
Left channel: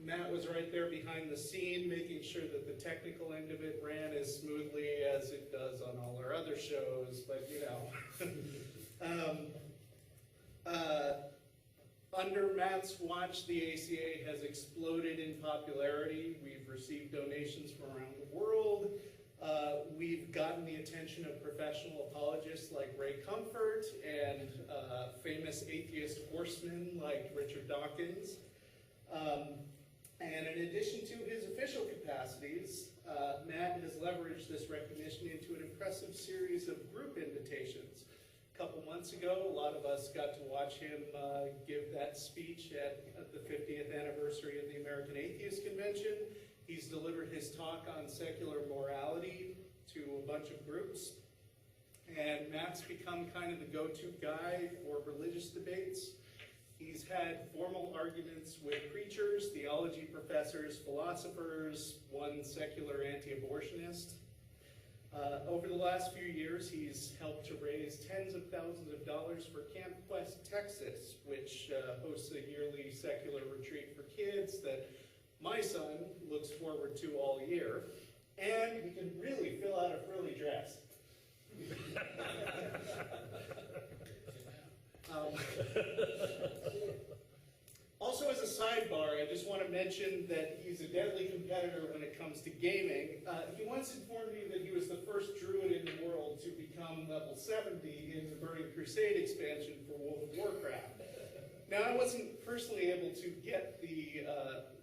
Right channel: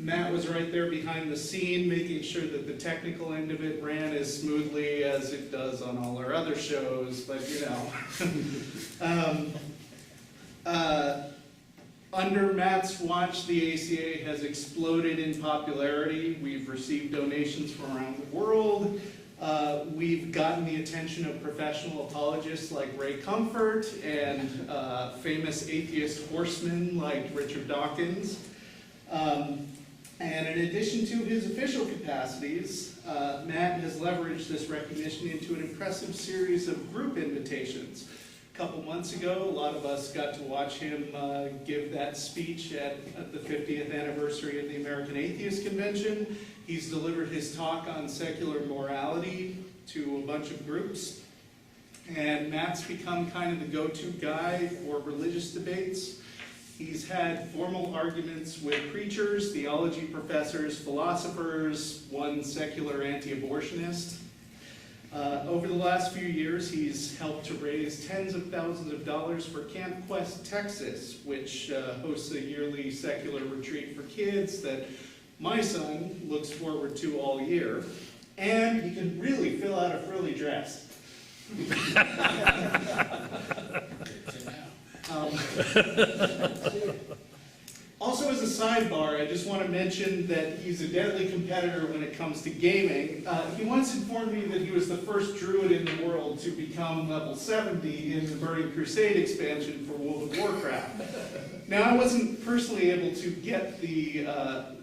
Matt was right there behind the scene, making sure that the technical end of it ran as smoothly as it does on all our other shows, but you know. Under Matt's watch, the ACA has exploded in popularity. We've received donations from around the world. We've gotten the attention of professional apologists like Ray Comfort and famous atheist horsemen like Richard Dawkins. And in addition to his official capacities, Matt has leveraged this recognition into an impressive series of group invitations. A couple months ago, a lot of us got to watch him give that speech at the 50th anniversary of the American Atheist Convention. He's delivered his talk on secular morality to a bunch of groups. And Matt's become kind of the go-to guy for religious debates. He's had formal arguments with preachers, theology professors, philosophers, one secular anti-abortionist. Over the last few years, he's helped to raise tens of thousands of dollars for Camp Quest, Texas, which hosts a yearly secular retreat for kids that my son looks forward to all year. And he can really fill out a frilly dress. Also, as a sidebar, I just want to mention that he's a deadly competitor when it comes to gaming. He once informed me that he was the first druid in the world to become level 70 in the Burning Crusade expansion for World of Warcraft. Now, I wasn't personally able to get the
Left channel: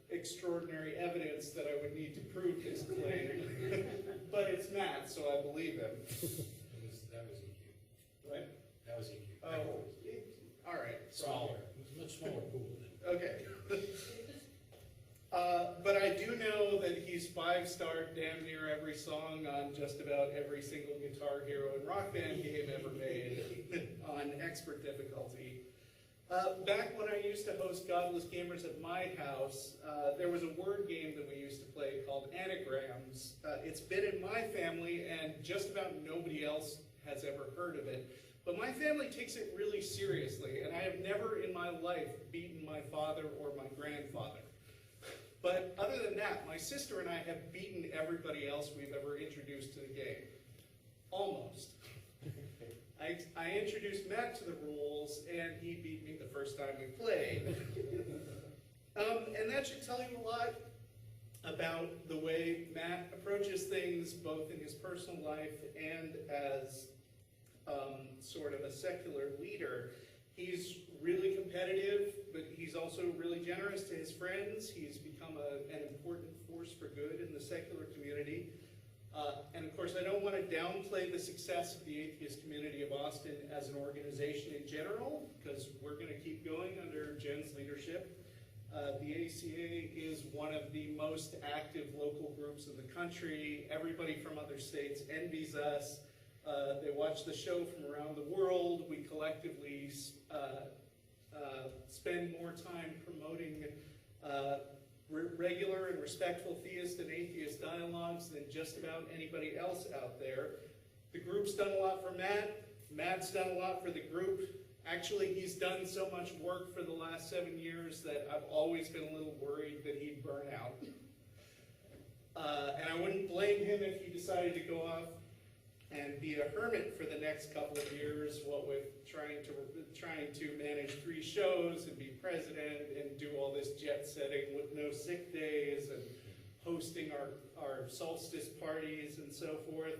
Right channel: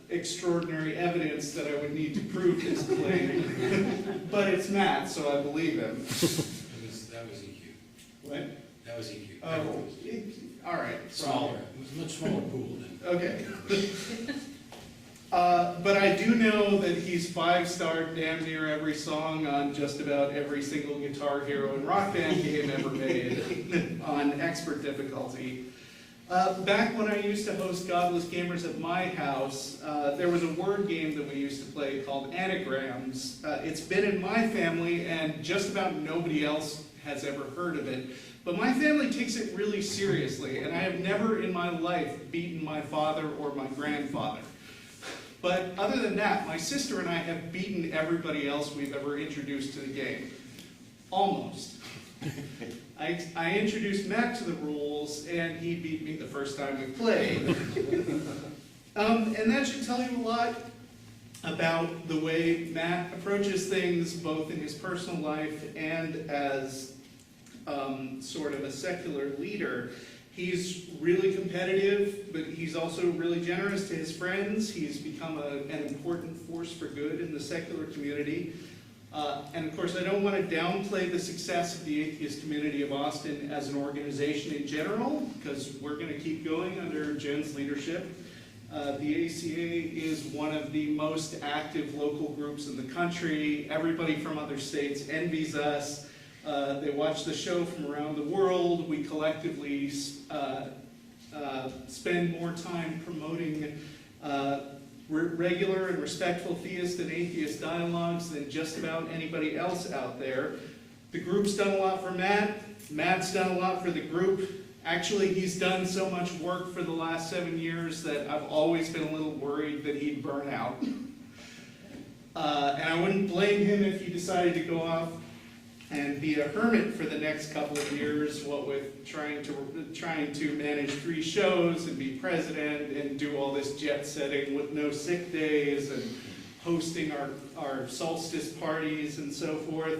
extraordinary evidence that I would need to prove his claim, but it's Matt, so I believe him. That was EQ. What? That was EQ. Oh, all right. Smaller. It was a much smaller pool then. Okay. But I do know that he's 5-starred damn near every song on just about every single Guitar Hero and Rock Band game ever made on expert difficulty. Back when I used to host Godless Gamers at my house, there was a word game that we used to play called Anagrams. It's been in my family, and just about nobody else has ever heard of it. But my family takes it really seriously, and I have never in my life beaten my father or my grandfather. But other than that, my sister and I have beaten everybody else we've ever introduced to the game. Almost. I introduced Matt to the rules, and he beat me the first time we played. And that should tell you a lot about the way Matt approaches things, both in his personal life and as sort of a secular leader. He's really competitive, but he's also really generous to his friends. He's become an important force for good in the secular community. And of course, I don't want to downplay the success of the Atheist Community of Austin as an organization in general, because we're going to keep going under Jen's leadership. The ACA is one of the most active local groups in the country. Everybody from other states envies us. They watch the show from around the world. We collectively spend more time promoting regular and respectful theist and atheist dialogues than just about anybody else out there. The group's done a lot for Matt. Matt's done a lot for the group. Actually, he's done so much work for the last 7 years that I've always been a little worried that he'd burn out. And I wouldn't blame him if he decided to go off and be a hermit for the next couple of years, what with trying to manage 3 shows and be president and do all this jet setting with no sick days and hosting our solstice parties and so forth.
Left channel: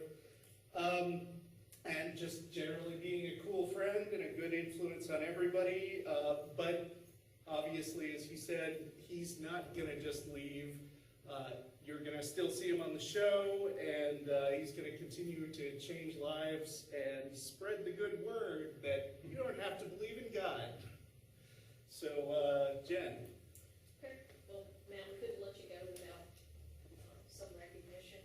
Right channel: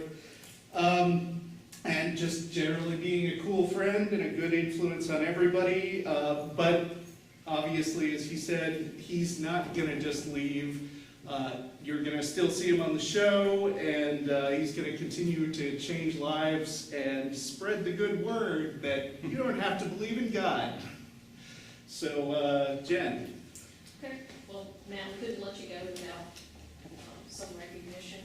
And just generally being a cool friend and a good influence on everybody. But obviously, as he said, he's not gonna just leave. You're gonna still see him on the show, and he's gonna continue to change lives and spread the good word that you don't have to believe in God. So, Jen. Okay, well, Matt, we couldn't let you go without some recognition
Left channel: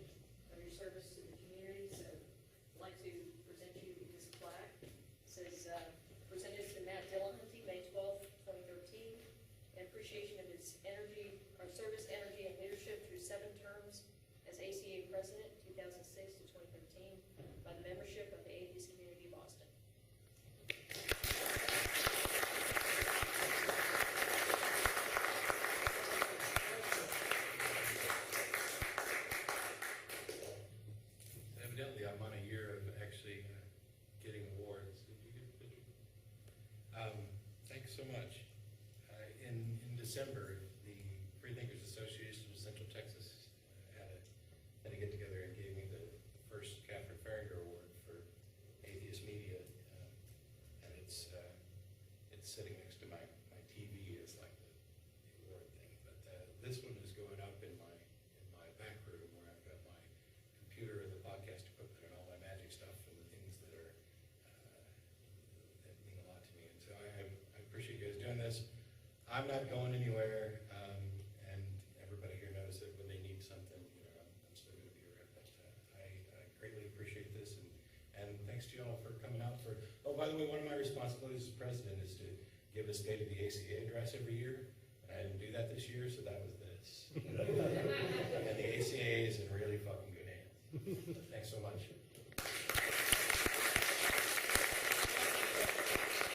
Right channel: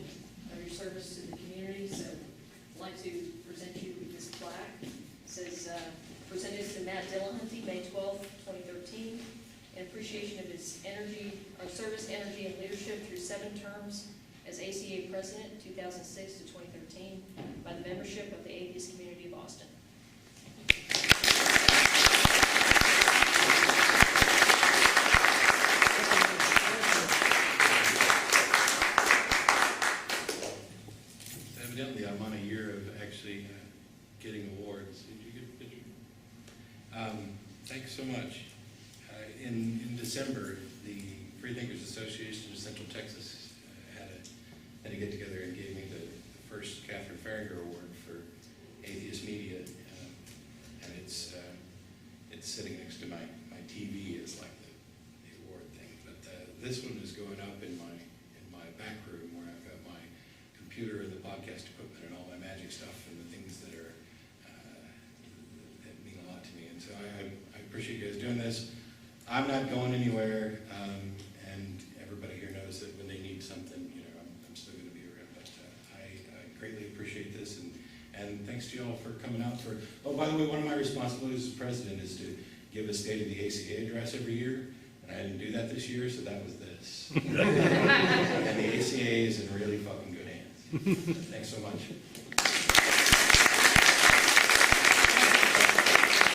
of your service to the community, so I'd like to present you with this plaque. It says, presented to Matt Dillahunty, May 12th, 2013, in appreciation of his energy, service, energy, and leadership through 7 terms as ACA President, 2006 to 2013, by the membership of the Atheist Community of Austin. Evidently, I'm on a year of actually getting awards. Did you get a picture? Thanks so much. In December, the Freethinkers Association of Central Texas had a get-together and gave me the first Catherine Farringer Award for atheist media, and it's sitting next to my TV as like the award thing. But this one is going up in my back room where I've got my computer and the podcast equipment and all my magic stuff and the things that are that mean a lot to me. And so I appreciate you guys doing this. I'm not going anywhere, and everybody here knows that when they need something, you know, I'm still going to be around. But I greatly appreciate this, and thanks to you all for coming out for. Oh, by the way, one of my responsibilities as president is to give a State of the ACA address every year, and I didn't do that this year, so that was this. And the ACA is in really fucking good hands. Thanks so much.